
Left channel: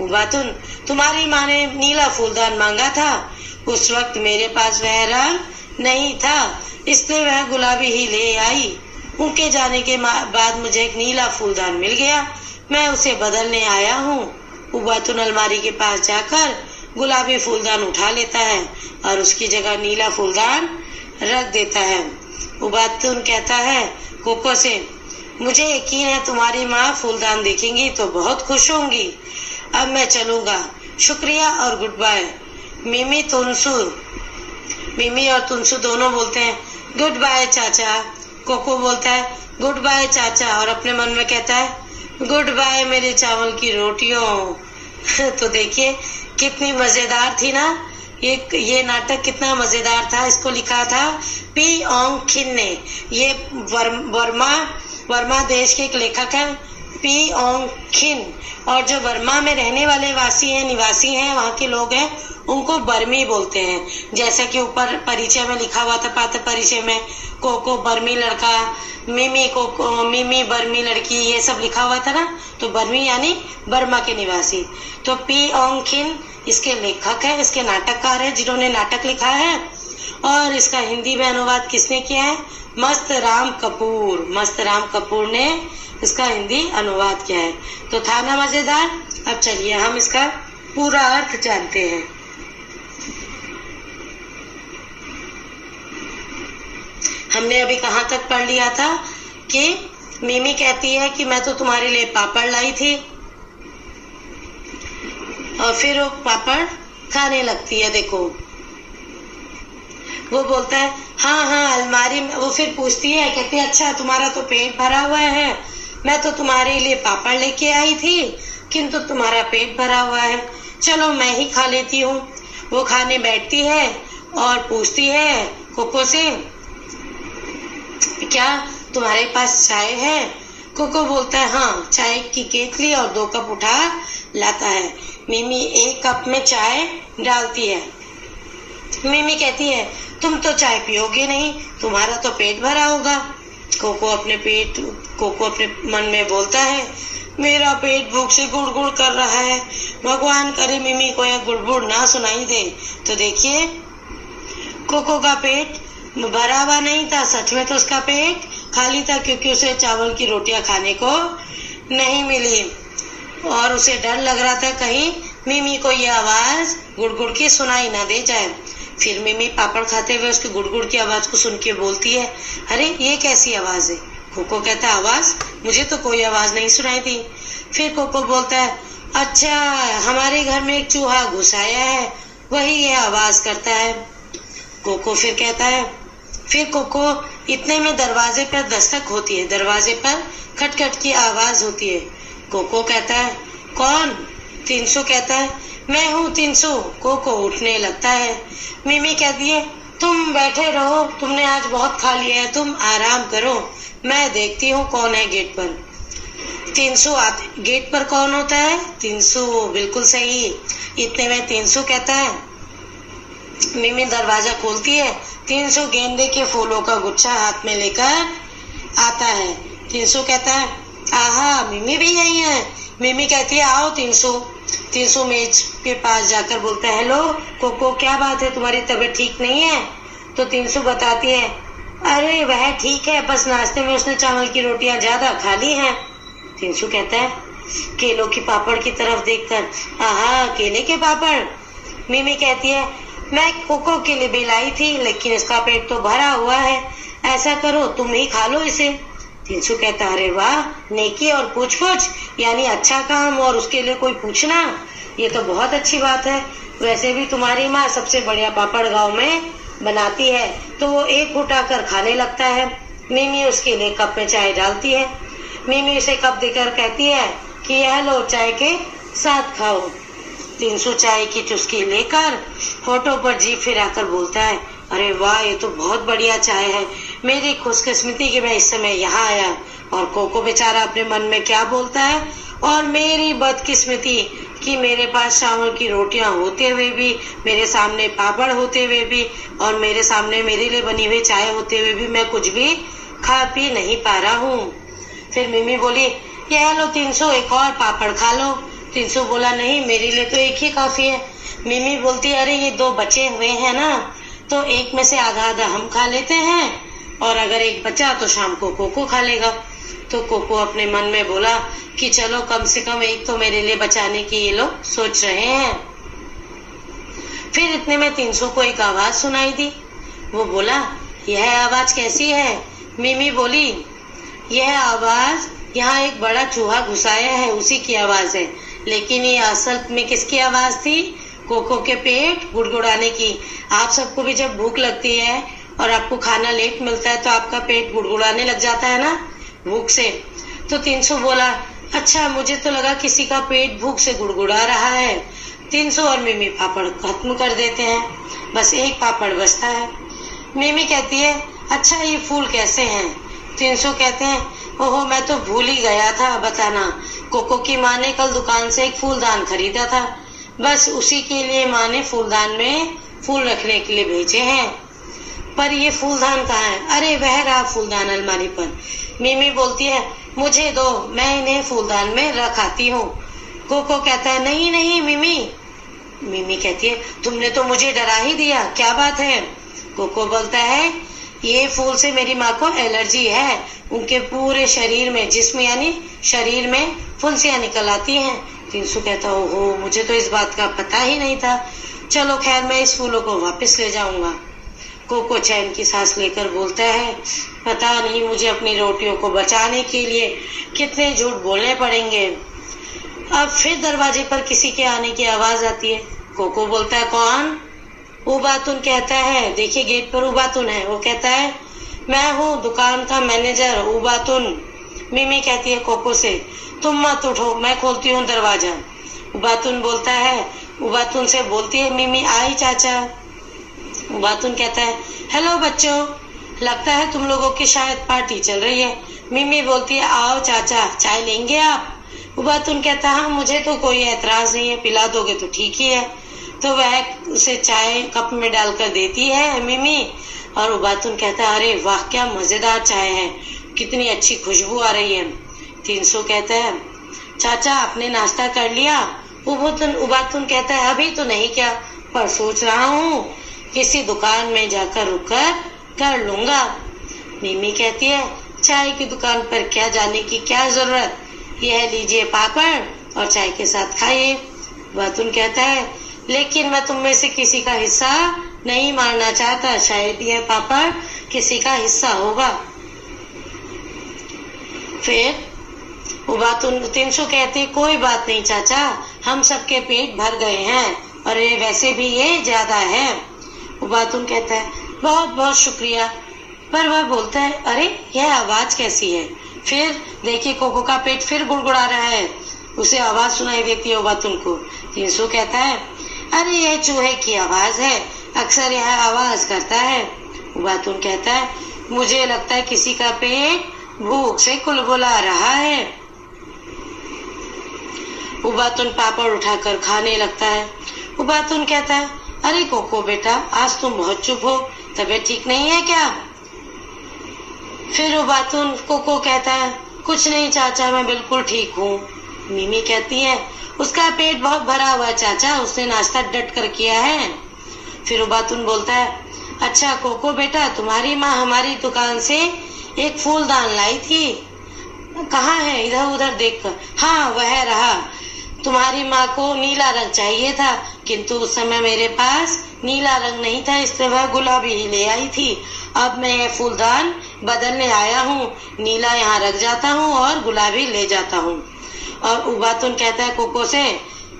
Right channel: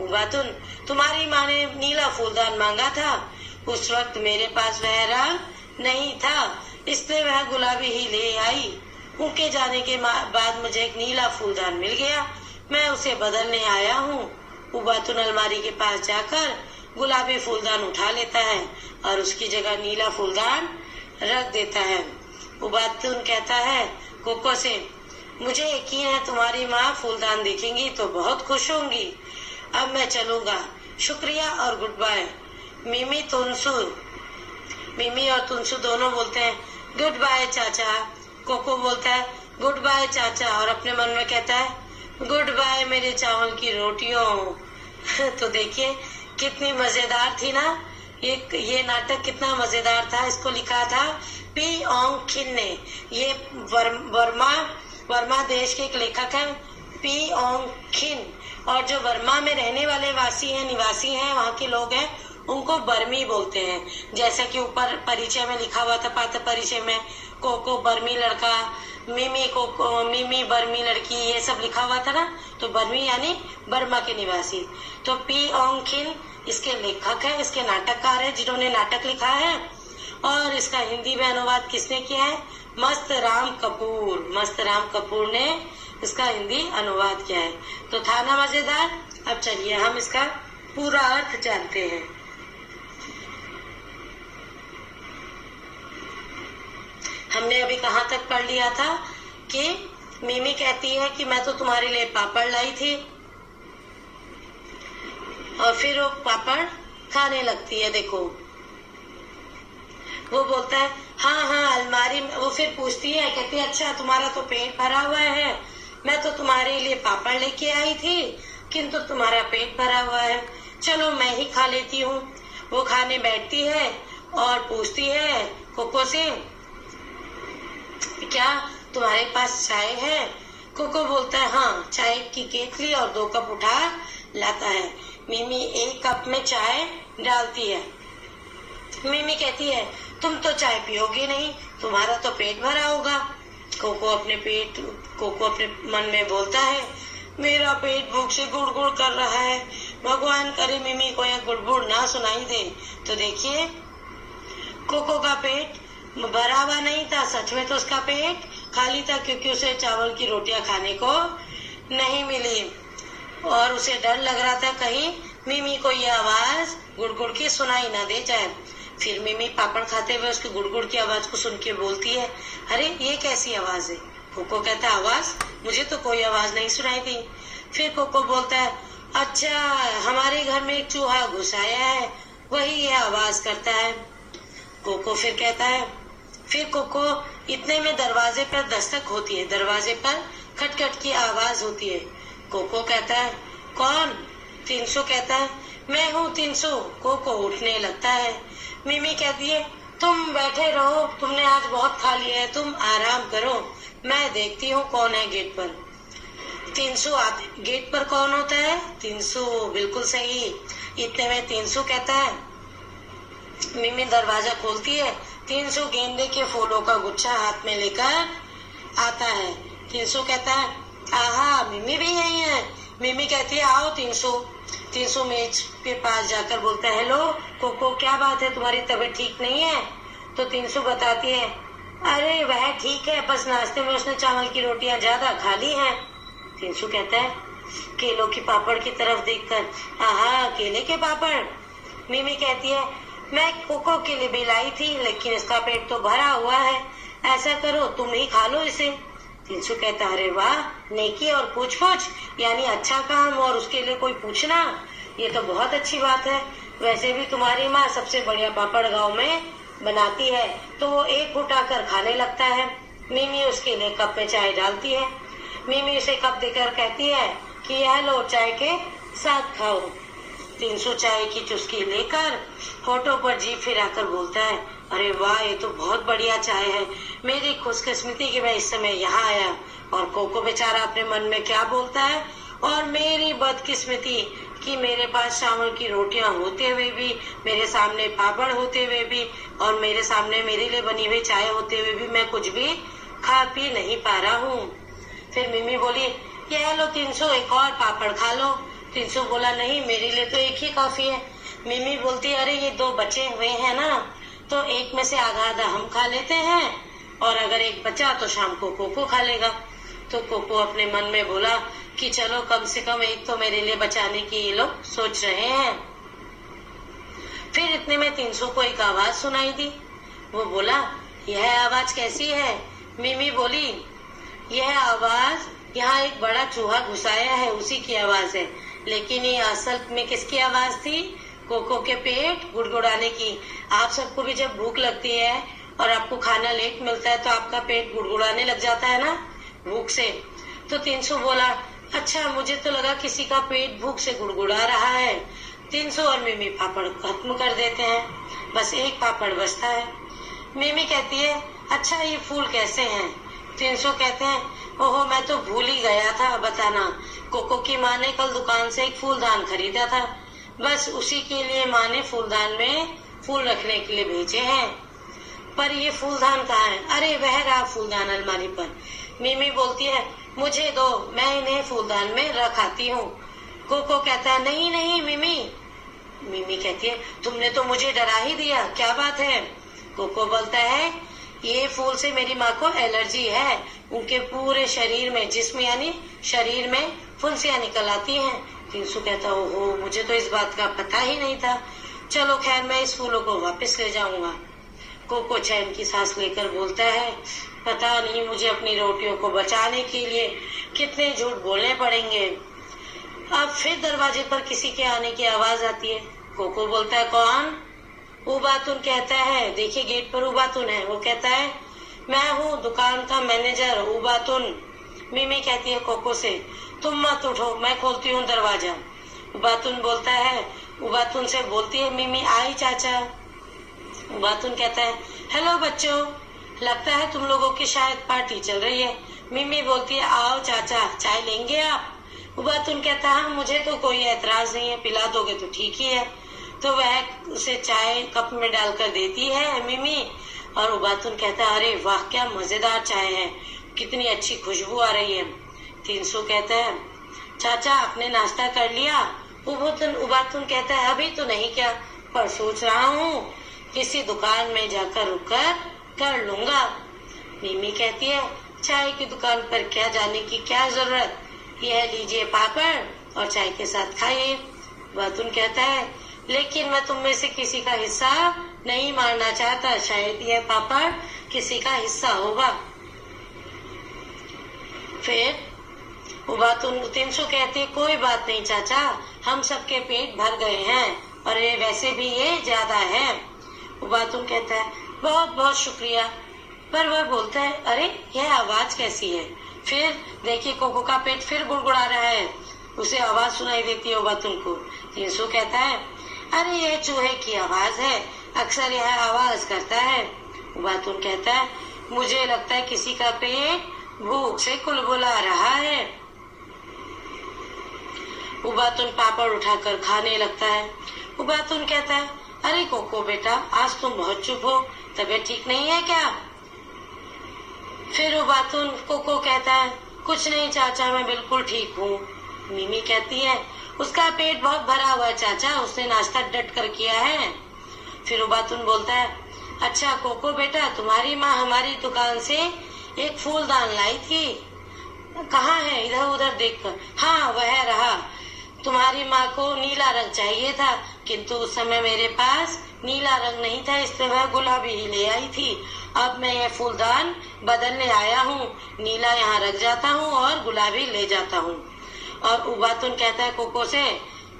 उबातुन, तुम्हारी माँ ने नीला फूलदान मांगा था, उस वक्त मेरे पास वह रंग नहीं था, इसलिए वह गुलाबी ही ले आई। उनके जाने के बाद मुझे एक नीला फूलदान मिल गया, मैं उसे बदलने आया हूँ। उबातुन अलमारी के पास जाकर गुलाबी फूलदान उठा लेता है और उसकी जगह नीला फूलदान रख देता है। उबातुन कहता है कोको से, मुझे यकीन है तुम्हारी माँ फूलदान देखेंगी तो बहुत खुश होंगी। अब मैं चलूंगा, शुक्रिया और गुड बाय। मिमी और तुनसू दोनों बोलते हैं, गुड बाय चाचा। कोको बोलता है, गुड बाय चाचा, और अपने मन में कहता है, गुड बाय मेरे चावल की रोटियों। तो देखिए कितनी मजेदार थी ना ये नाटक, कितना मजेदार था। इसको लिखा था पी ओंग खिन ने। ये वर्मा देश के एक लेखक हैं, पी ओंग खिन। और जो वर्मा में रहने वाले निवासी हैं, वहाँ के लोग हैं, उनको बर्मी बोलते हैं। जैसा कि ऊपर परिचय में लिखा हुआ था, पात्र परिचय में कोको बर्मी लड़का, मिमी बर्मी लड़की, ये सब लिखा हुआ था ना। तो बर्मी यानी बर्मा के निवासी। तो पी ओंग खिन इसके लेखक है, इसके नाटककार है, जिन्होंने नाटक लिखा है। और इसका हिंदी में अनुवाद किसने किया है? मस्त राम कपूर ने इसका हिंदी अनुवाद किया है। तो था ना मजेदार। अब चलिए हम इसका पूरा अर्थ जानते हैं। हमने अभी कहाँ तक पढ़ लिया था कि मिमी कहती है कि मैं तो तुम्हारे लिए पापड़ लाई थी, और फिर वो पापड़ खाने लगती है। देखो वो बोलता है, हाँ अलमारी में। वो फिर पूछती है, कहती है, अच्छा तुम्हारा तो पेट भरा हुआ है, मैं तो तुम्हारे लिए पापड़ लेके आई थी, किंतु तुम्हारा पेट भरा हुआ है, चलो मैं ही खा लेती हूँ। वो खाने बैठती है और पूछती है कोको से, क्या तुम्हारे पास चाय है? कोको बोलता है, हाँ चाय की केतली और 2 कप उठा लाता है। मिमी 1 कप में चाय डालती है। मिमी कहती है, तुम तो चाय पियोगे नहीं, तुम्हारा तो पेट भरा होगा। कोको अपने मन में बोलता है, मेरा पेट भूख से गुड़गुड़ कर रहा है, भगवान करे मिमी को यह गुड़गुड़ ना सुनाई दे। तो देखिए कोको का पेट भरा हुआ नहीं था, सच में तो उसका पेट खाली था, क्योंकि उसे चावल की रोटियां खाने को नहीं मिली और उसे डर लग रहा था कहीं मिमी को यह आवाज गुड़गुड़ की सुनाई ना दे जाए। फिर मिमी पापड़ खाते हुए उसकी गुड़गुड़ की आवाज को सुन के बोलती है, अरे ये कैसी आवाज है? कोको कहता है, आवाज? मुझे तो कोई आवाज नहीं सुनाई दी। फिर कोको बोलता है, अच्छा हमारे घर में एक चूहा घुस आया है, वही यह आवाज करता है। कोको फिर कहता है, फिर कोको इतने में दरवाजे पर दस्तक होती है, दरवाजे पर खटखट की आवाज होती है। कोको कहता है, कौन? तीनसू कहता है, मैं हूँ तीनसू। कोको उठने लगता है। मिमी कहती है, तुम बैठे रहो, तुमने आज बहुत खा लिया है, तुम आराम करो, मैं देखती हूँ कौन है गेट पर। तीनसू आते। गेट पर कौन होता है? तीनसू, बिल्कुल सही। इतने में तीनसू कहता है, मिमी दरवाजा खोलती है 300 गेंदे के फूलों का गुच्छा हाथ में लेकर आता है। 300 कहता है, आहा मिमी भी यही है। मिमी कहती है, आओ 300। 300 मेज के पास जाकर बोलता है, हेलो कोको, क्या बात है, तुम्हारी तबीयत ठीक नहीं है? तो 300 बताती है, अरे वह ठीक है, बस नाश्ते में उसने चावल की रोटियां ज्यादा खा ली हैं। 300 कहता है केलों की पापड़ की तरफ देखकर, आहा केले के पापड़। मिमी कहती है, मैं कोको के लिए भी लाई थी, लेकिन इसका पेट तो भरा हुआ है, ऐसा करो तुम ही खा लो इसे। 300 कहता, अरे वाह, नेकी और पूछ पूछ, यानी अच्छा काम और उसके लिए कोई पूछना, ये तो बहुत अच्छी बात है। वैसे भी तुम्हारी माँ सबसे बढ़िया पापड़ गांव में बनाती है। तो वो एक उठाकर खाने लगता है। मिमी उसके लिए कप में चाय डालती है। मिमी उसे कप देकर कहती है कि यह लो, चाय के साथ खाओ। 300 चाय की चुस्की लेकर होठों पर जीभ फिराकर बोलता है, अरे वाह, ये तो बहुत बढ़िया चाय है। मेरी खुशकिस्मती कि मैं इस समय यहाँ आया। और कोको बेचारा अपने मन में क्या बोलता है, और मेरी बदकिस्मती कि मेरे पास चावल की रोटियां होते हुए भी, मेरे सामने पापड़ होते हुए भी, और मेरे सामने मेरे लिए बनी हुई चाय होते हुए भी मैं कुछ भी खा पी नहीं पा रहा हूँ। फिर मिमी बोली, यह लो 300, एक और पापड़ खा लो। 300 बोला, नहीं मेरे लिए तो एक ही काफी है। मिमी बोलती, अरे ये 2 बचे हुए हैं ना, तो एक में से आधा आधा हम खा लेते हैं, और अगर एक बचा तो शाम को कोको खा लेगा। तो कोको अपने मन में बोला कि चलो कम से कम एक तो मेरे लिए बचाने की ये लोग सोच रहे हैं। फिर इतने में 300 को एक आवाज सुनाई दी। वो बोला, यह आवाज कैसी है? मिमी बोली, यह आवाज यहाँ एक बड़ा चूहा घुसाया है, उसी की आवाज है। लेकिन ये असल में किसकी आवाज थी? कोको के पेट गुड़गुड़ाने की। आप सबको भी जब भूख लगती है और आपको खाना लेट मिलता है तो आपका पेट गुड़गुड़ाने लग जाता है ना, भूख से। तो 300 बोला, अच्छा मुझे तो लगा किसी का पेट भूख से गुड़गुड़ा रहा है। 300 और मिमी पापड़ खत्म कर देते हैं, बस एक पापड़ बचता है। मिमी कहती है, अच्छा ये फूल कैसे हैं? 300 कहते हैं, ओहो मैं तो भूल ही गया था बताना। कोको की माँ ने कल दुकान से एक फूलदान खरीदा था, बस उसी के लिए माँ ने फूलदान में फूल रखने के लिए भेजे हैं। पर ये फूलदान कहाँ है? अरे वह रहा फूलदान अलमारी पर। मिमी बोलती है, मुझे दो, मैं इन्हें फूलदान में रख आती हूँ। कोको कहता है, नहीं नहीं मिमी। मिमी कहती है, तुमने तो मुझे डरा ही दिया, क्या बात है? कोको बोलता है, ये फूल से मेरी माँ को एलर्जी है, उनके पूरे शरीर में, जिस्म यानी शरीर में फुंसियाँ निकल आती हैं। 300 कहता, ओहो मुझे तो इस बात का पता ही नहीं था, चलो खैर मैं इस फूलों को वापस ले जाऊंगा। कोको चैन की सांस लेकर बोलता है, पता नहीं मुझे अपनी रोटियों को बचाने के लिए कितने झूठ बोलने पड़ेंगे। अब फिर दरवाजे पर किसी के आने की आवाज आती है। कोको बोलता है, कौन? उबातुन कहता है, देखिए गेट पर उबातुन है। वो कहता है, मैं हूँ दुकान का मैनेजर उबातुन। मिमी कहती है कोको से, तुम मत उठो, मैं खोलती हूँ दरवाजा। उबातुन बोलता है, उबातुन से बोलती है मिमी, आई चाचा। उबातुन कहता है, हेलो बच्चों, लगता है तुम लोगों की शायद पार्टी चल रही है। मिमी बोलती है, आओ चाचा, चाय लेंगे आप? उबातुन कहता है, हाँ मुझे तो कोई एतराज नहीं है, पिला दोगे तो ठीक ही है। तो वह उसे चाय कप में डालकर देती है मिमी, और उबातुन कहता है, अरे वाह क्या मजेदार चाय है, कितनी अच्छी खुशबू आ रही है। 300 कहता है, चाचा आपने नाश्ता कर लिया? उबातुन कहता है, अभी तो नहीं किया, पर सोच रहा हूँ किसी दुकान में जाकर रुककर कर लूंगा। मिमी कहती है, चाय की दुकान पर क्या जाने की क्या जरूरत, यह लीजिए पापड़ और चाय के साथ खाइए। उबातुन कहता है, लेकिन मैं तुम में से किसी का हिस्सा नहीं मारना चाहता, शायद यह पापड़ किसी का हिस्सा होगा। फिर उबातुन 300 कहती, कोई बात नहीं चाचा, हम सबके पेट भर गए हैं, और वैसे भी ये ज्यादा है। उबातुन कहता है, बहुत बहुत शुक्रिया। पर वह बोलता है, अरे यह आवाज कैसी है? फिर देखिए कोको का पेट फिर गुड़गुड़ा रहा है, उसे आवाज सुनाई देती है उबातुन को। 300 कहता है, अरे यह चूहे की आवाज है, अक्सर यह आवाज करता है। उबातुन कहता है, मुझे लगता है किसी का पेट भूख से कुलबुला रहा है। उबातुन पापड़ उठाकर खाने लगता है। उबातुन कहता है, अरे कोको बेटा, आज तुम बहुत चुप हो, तबीयत ठीक नहीं है क्या? फिर उबातुन कोको कहता है, कुछ नहीं चाचा, मैं बिल्कुल ठीक हूँ। मिमी कहती है, उसका पेट बहुत भरा हुआ है चाचा, उसने नाश्ता डट कर किया है। फिर उबातुन बोलता है, अच्छा कोको बेटा, तुम्हारी माँ हमारी दुकान से एक फूलदान लाई थी। कहाँ है? इधर उधर देखकर। हाँ, वह रहा। तुम्हारी माँ को नीला रंग चाहिए था, किंतु उस समय मेरे पास नीला रंग नहीं था, इसलिए वह गुलाबी ही ले आई थी। अब मैं ये फूलदान बदलने आया हूँ, नीला यहाँ रख जाता हूँ और गुलाबी ले जाता हूँ। और उबातुन कहता है कोको से,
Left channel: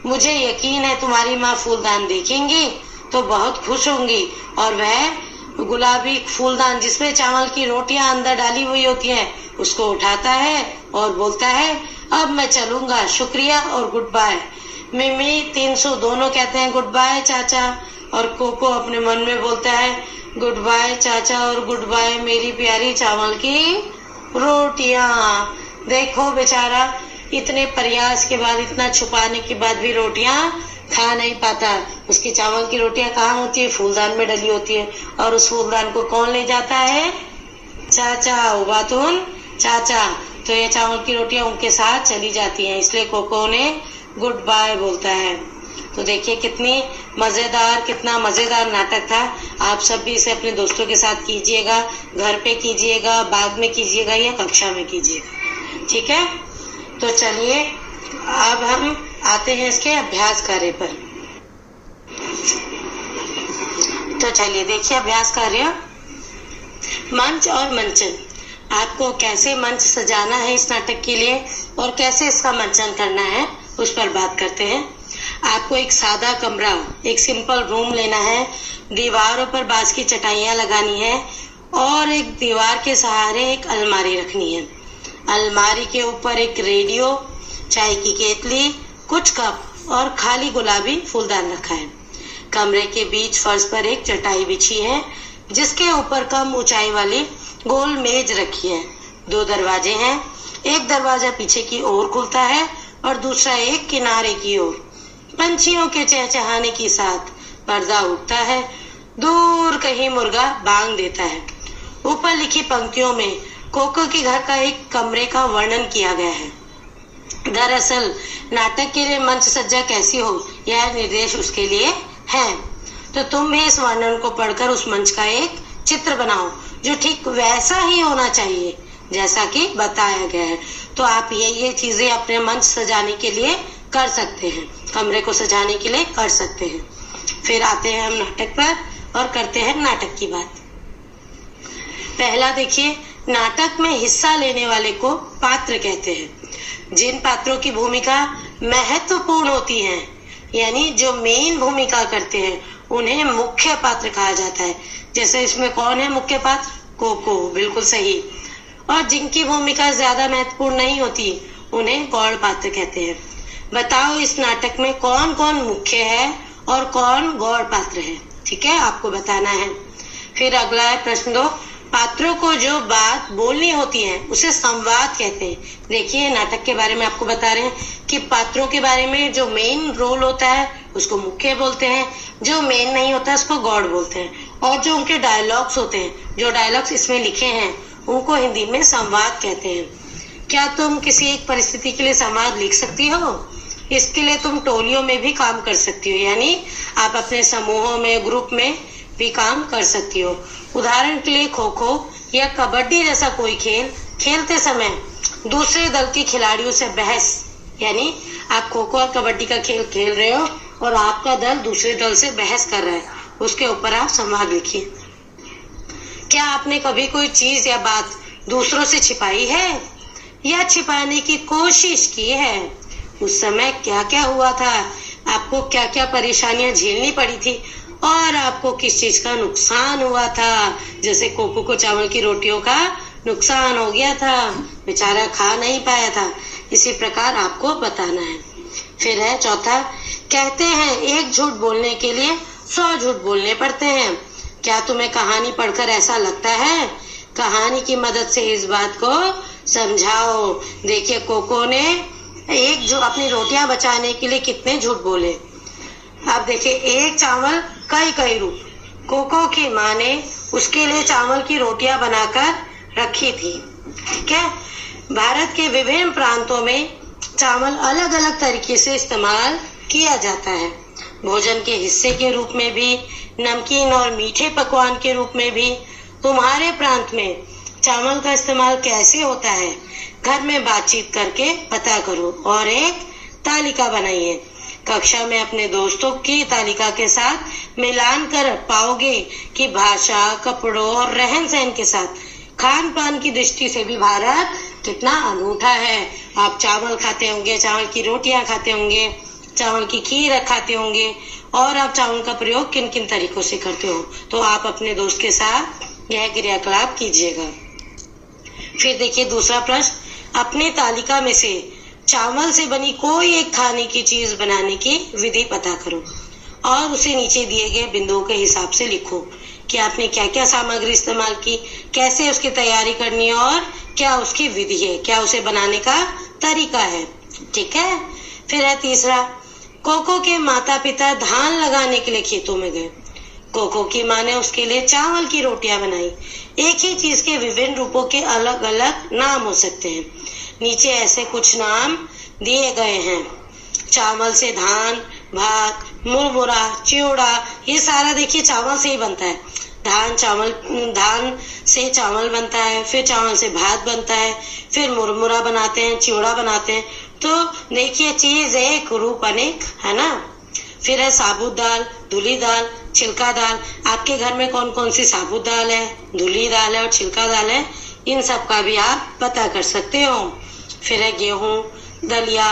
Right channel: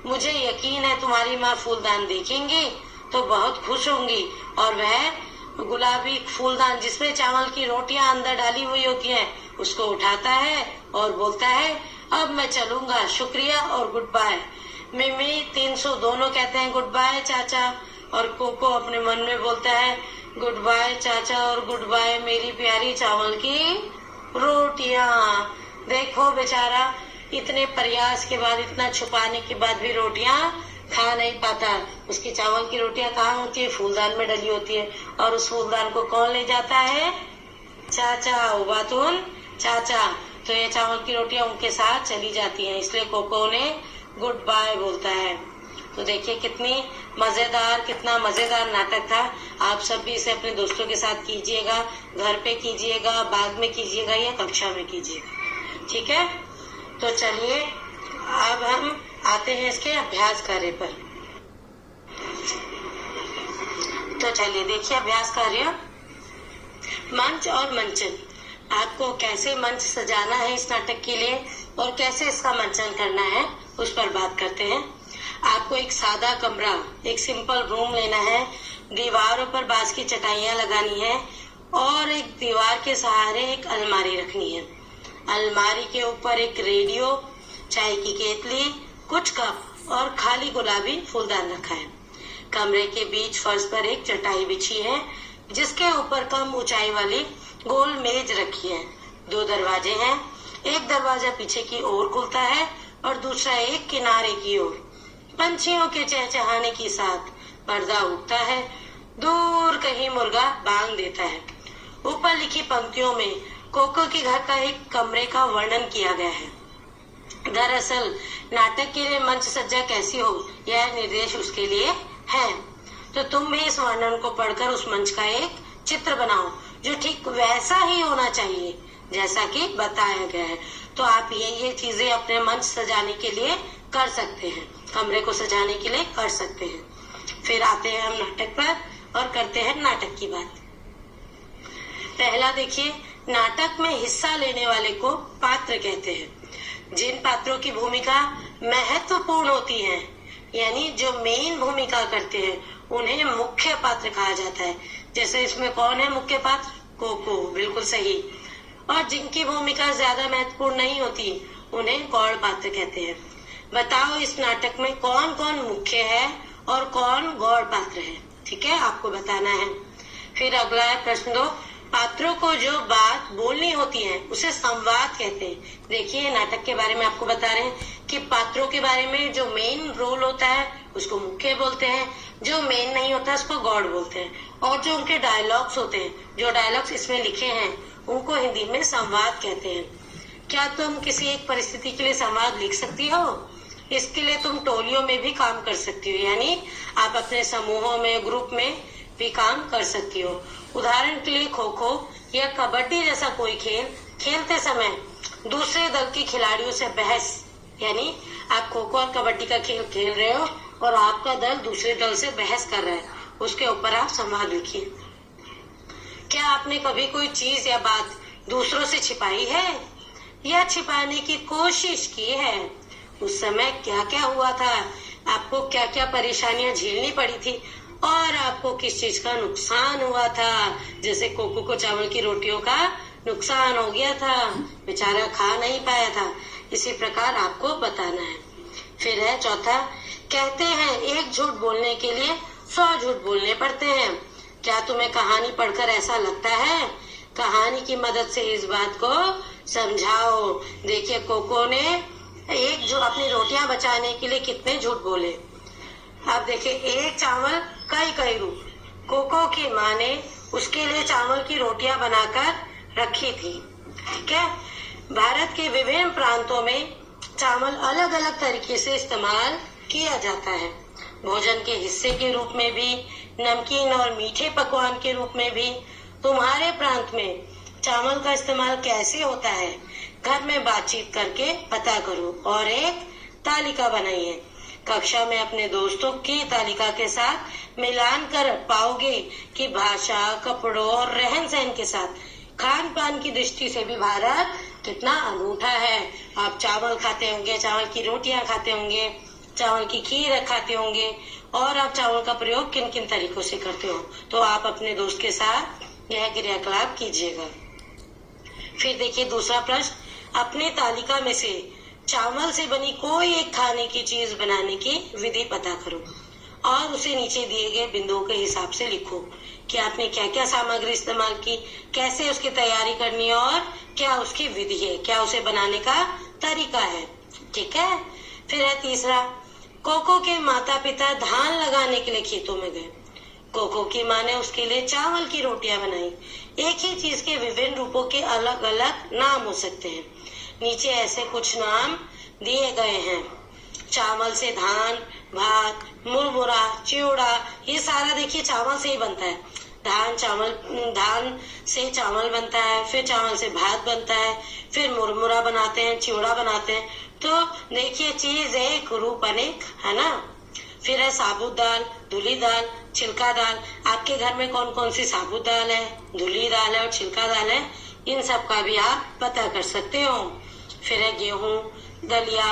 मुझे यकीन है तुम्हारी माँ फूलदान देखेंगी तो बहुत खुश होंगी, और वह गुलाबी फूलदान जिसमें चावल की रोटियां अंदर डाली हुई होती हैं उसको उठाता है और बोलता है, अब मैं चलूंगा, शुक्रिया और गुड बाय। मिमी 300 दोनों कहते हैं गुड बाय चाचा, और कोको अपने मन में बोलता है, गुड बाय चाचा और गुड बाय मेरी प्यारी चावल की रोटियां। देखो बेचारा इतने प्रयास के बाद, इतना छुपाने के बाद भी रोटियां खा नहीं पाता। उसकी चावल की रोटियां कहाँ होती है? फूलदान में डली होती है। और उस फूलदान को कौन ले जाता है? चाचा, उबातुन चाचा। तो ये चावल की रोटियां उनके साथ चली जाती हैं, इसलिए कोको ने गुड बाय बोलता है। तो देखिए कितना मजेदार नाटक था। आप सब भी इसे अपने दोस्तों के साथ कीजिएगा, घर पे कीजिएगा, बाग में कीजिएगा या कक्षा में कीजिएगा। ठीक है, तो चलिए अब हम आते हैं इसके अभ्यास कार्य पर। तो चलिए देखिए अभ्यास कार्य। मंच और मंचन। आपको कैसे मंच सजाना है इस नाटक के लिए और कैसे इसका मंचन करना है उस पर बात करते हैं। आपको एक सादा कमरा, एक सिंपल रूम लेना है, दीवारों पर बांस की चटाइयां लगानी है और एक दीवार के सहारे एक अलमारी रखनी है। अलमारी के ऊपर एक रेडियो, चाय की केतली, कुछ कप और खाली गुलाबी फूलदान रखा है। कमरे के बीच फर्श पर एक चटाई बिछी है जिसके ऊपर कम ऊंचाई वाली गोल मेज रखी है। 2 दरवाजे हैं, एक दरवाजा पीछे की ओर खुलता है और दूसरा एक किनारे की ओर। पंछियों के चहचहाने के साथ पर्दा उठता है, दूर कहीं मुर्गा बांग देता है। ऊपर लिखी पंक्तियों में कोको के घर का एक कमरे का वर्णन किया गया है। दरअसल नाटक के लिए मंच सज्जा कैसी हो यह निर्देश उसके लिए है। तो तुम भी इस वर्णन को पढ़कर उस मंच का एक चित्र बनाओ जो ठीक वैसा ही होना चाहिए जैसा कि बताया गया है। तो आप ये चीजें अपने मंच सजाने के लिए कर सकते हैं, कमरे को सजाने के लिए कर सकते हैं। फिर आते हैं हम नाटक पर और करते हैं नाटक की बात। पहला देखिए, नाटक में हिस्सा लेने वाले को पात्र कहते हैं। जिन पात्रों की भूमिका महत्वपूर्ण होती है, यानी जो मेन भूमिका करते हैं, उन्हें मुख्य पात्र कहा जाता है। जैसे इसमें कौन है मुख्य पात्र? कोको, बिल्कुल सही। और जिनकी भूमिका ज्यादा महत्वपूर्ण नहीं होती उन्हें गौड़ पात्र कहते हैं। बताओ इस नाटक में कौन कौन मुख्य है और कौन गौड़ पात्र है? ठीक है, आपको बताना है। फिर अगला है प्रश्न 2। पात्रों को जो बात बोलनी होती है उसे संवाद कहते हैं। देखिए नाटक के बारे में आपको बता रहे हैं कि पात्रों के बारे में जो मेन रोल होता है उसको मुख्य बोलते हैं, जो मेन नहीं होता है उसको गौड़ बोलते हैं, और जो उनके डायलॉग्स होते हैं, जो डायलॉग्स इसमें लिखे हैं, उनको हिंदी में संवाद कहते हैं। क्या तुम किसी एक परिस्थिति के लिए संवाद लिख सकती हो? इसके लिए तुम टोलियों में भी काम कर सकती हो, यानी आप अपने समूहों में, ग्रुप में भी काम कर सकती हो। उदाहरण के लिए खो खो या कबड्डी जैसा कोई खेल खेलते समय दूसरे दल के खिलाड़ियों से बहस, यानी आप खो खो और कबड्डी का खेल खेल रहे हो और आपका दल दूसरे दल से बहस कर रहा है, उसके ऊपर आप संवाद लिखिए। क्या आपने कभी कोई चीज या बात दूसरों से छिपाई है या छिपाने की कोशिश की है? उस समय क्या क्या हुआ था, आपको क्या क्या परेशानियां झेलनी पड़ी थी और आपको किस चीज का नुकसान हुआ था। जैसे कोको को चावल की रोटियों का नुकसान हो गया था, बेचारा खा नहीं पाया था। इसी प्रकार आपको बताना है। फिर है चौथा, कहते हैं एक झूठ बोलने के लिए 100 झूठ बोलने पड़ते हैं। क्या तुम्हें कहानी पढ़कर ऐसा लगता है? कहानी की मदद से इस बात को समझाओ। देखिए कोको ने जो अपनी रोटियां बचाने के लिए कितने झूठ बोले। अब देखिए, एक चावल कई रूप, कोको की माँ ने उसके लिए चावल की रोटियां बनाकर रखी थी। क्या भारत के विभिन्न प्रांतों में चावल अलग अलग तरीके से इस्तेमाल किया जाता है। भोजन के हिस्से के रूप में भी, नमकीन और मीठे पकवान के रूप में भी। तुम्हारे प्रांत में चावल का इस्तेमाल कैसे होता है, घर में बातचीत करके पता करो और एक तालिका बनाइए। कक्षा में अपने दोस्तों की तालिका के साथ मिलान कर पाओगे कि भाषा, कपड़ों और रहन सहन के साथ खान पान की दृष्टि से भी भारत कितना अनूठा है। आप चावल खाते होंगे, चावल की रोटियां खाते होंगे, चावल की खीर खाते होंगे, और आप चावल का प्रयोग किन किन तरीकों से करते हो, तो आप अपने दोस्त के साथ यह क्रियाकलाप कीजिएगा। फिर देखिए दूसरा प्रश्न, अपनी तालिका में से चावल से बनी कोई एक खाने की चीज बनाने की विधि पता करो और उसे नीचे दिए गए बिंदुओं के हिसाब से लिखो कि आपने क्या क्या सामग्री इस्तेमाल की, कैसे उसकी तैयारी करनी है और क्या उसकी विधि है, क्या उसे बनाने का तरीका है। ठीक है। फिर है तीसरा, कोको के माता पिता धान लगाने के लिए खेतों में गए। कोको की माँ ने उसके लिए चावल की रोटियां बनाई। एक ही चीज के विभिन्न रूपों के अलग अलग नाम हो सकते हैं। नीचे ऐसे कुछ नाम दिए गए हैं। चावल से धान, भात, मुरमुरा, चिवड़ा, ये सारा देखिए चावल से ही बनता है। धान से चावल बनता है, फिर चावल से भात बनता है, फिर मुरमुरा बनाते हैं, चिवड़ा बनाते हैं। तो देखिए चीज एक, रूप अनेक, है ना। फिर है साबुत दाल, धुली दाल, छिलका दाल। आपके घर में कौन कौन सी साबुत दाल है, धुली दाल है और छिलका दाल है, इन सब का भी आप पता कर सकते हो। फिर है गेहूं, दलिया,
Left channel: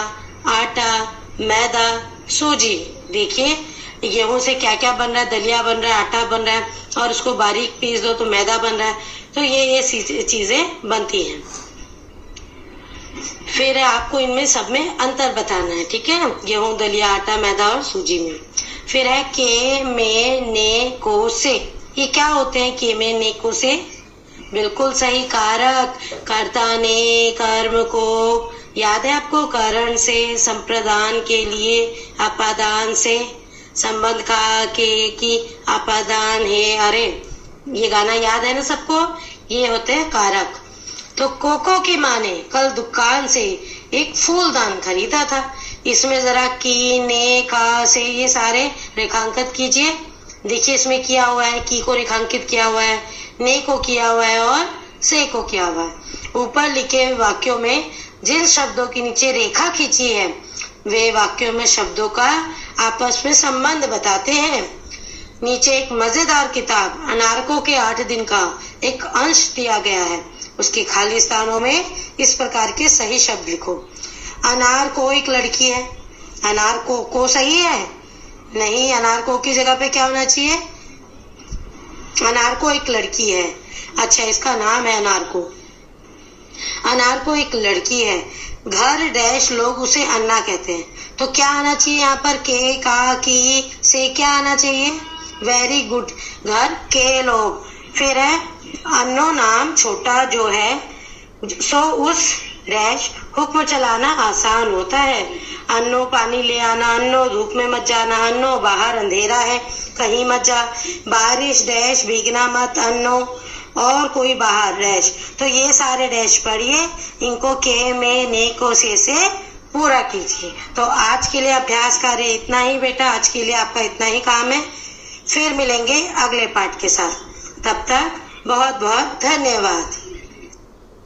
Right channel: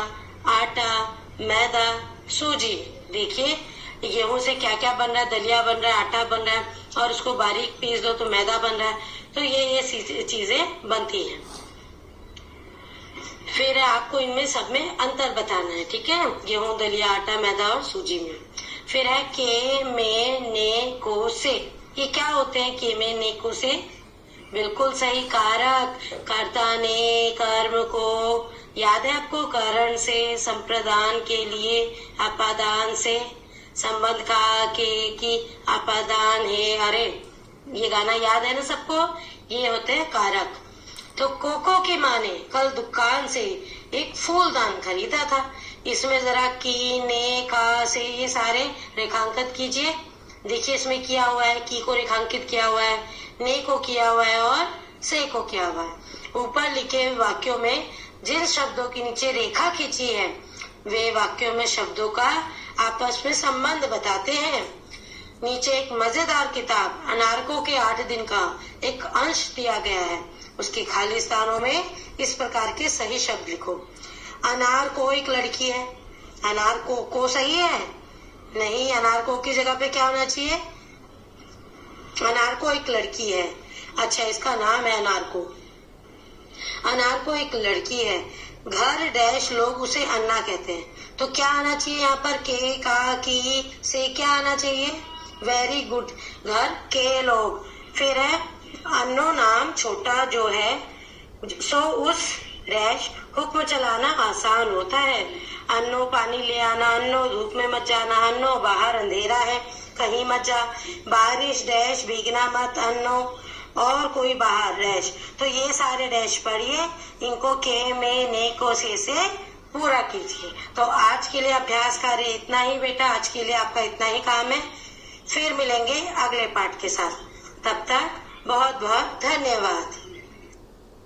आटा, मैदा, सूजी। देखिए गेहूं से क्या क्या बन रहा है, दलिया बन रहा है, आटा बन रहा है, और उसको बारीक पीस दो तो मैदा बन रहा है। तो ये चीजें बनती हैं। फिर आपको इनमें सब में अंतर बताना है। ठीक है, गेहूं, दलिया, आटा, मैदा और सूजी में। फिर है के, में, ने, को, से। ये क्या होते हैं के, में, ने, को, से? बिल्कुल सही, कारक। कर्ता ने कर्म को, याद है आपको, करण से, संप्रदान के लिए, अपादान से, संबंध का के की अपादान है। अरे ये गाना याद है ना सबको, ये होते हैं कारक। तो कोको की माँ ने कल दुकान से एक फूलदान खरीदा था। इसमें जरा की, ने, का, से ये सारे रेखांकित कीजिए। देखिए इसमें किया हुआ है, की को रेखांकित किया हुआ है, ने को किया हुआ है और से को किया हुआ है। ऊपर लिखे हुए वाक्यों में जिन शब्दों के नीचे रेखा खींची है वे वाक्यों में शब्दों का आपस में संबंध बताते हैं। नीचे एक मजेदार किताब अनारकों के 8 दिन का एक अंश दिया गया है। उसके खाली स्थानों में इस प्रकार के सही शब्द लिखो। अनार को एक लड़की है। अनार को सही है? नहीं, अनार को की जगह पे क्या होना चाहिए? अनार को एक लड़की है। अच्छा, इसका नाम है अनार को। अनार को एक लड़की है। घर डैश लोग उसे अन्ना कहते हैं। तो क्या आना चाहिए यहाँ पर? के, का, की, से क्या आना चाहिए? वेरी गुड, घर के लोग। फिर है अन्नो नाम छोटा जो है, सो उस डैश हुक्म चलाना आसान होता है। अन्नो पानी ले आना, अन्नो धूप में मत जाना, अन्नो बाहर अंधेरा है कहीं मत जा, बारिश डैश भीगना मत, अन्नो और कोई बाहर डैश। तो ये सारे डैश पढ़िए, इनको के, में, ने, को, से पूरा कीजिए। तो आज के लिए अभ्यास कार्य इतना ही बेटा, आज के लिए आपका इतना ही काम है। फिर मिलेंगे अगले पाठ के साथ। तब तक बहुत बहुत धन्यवाद।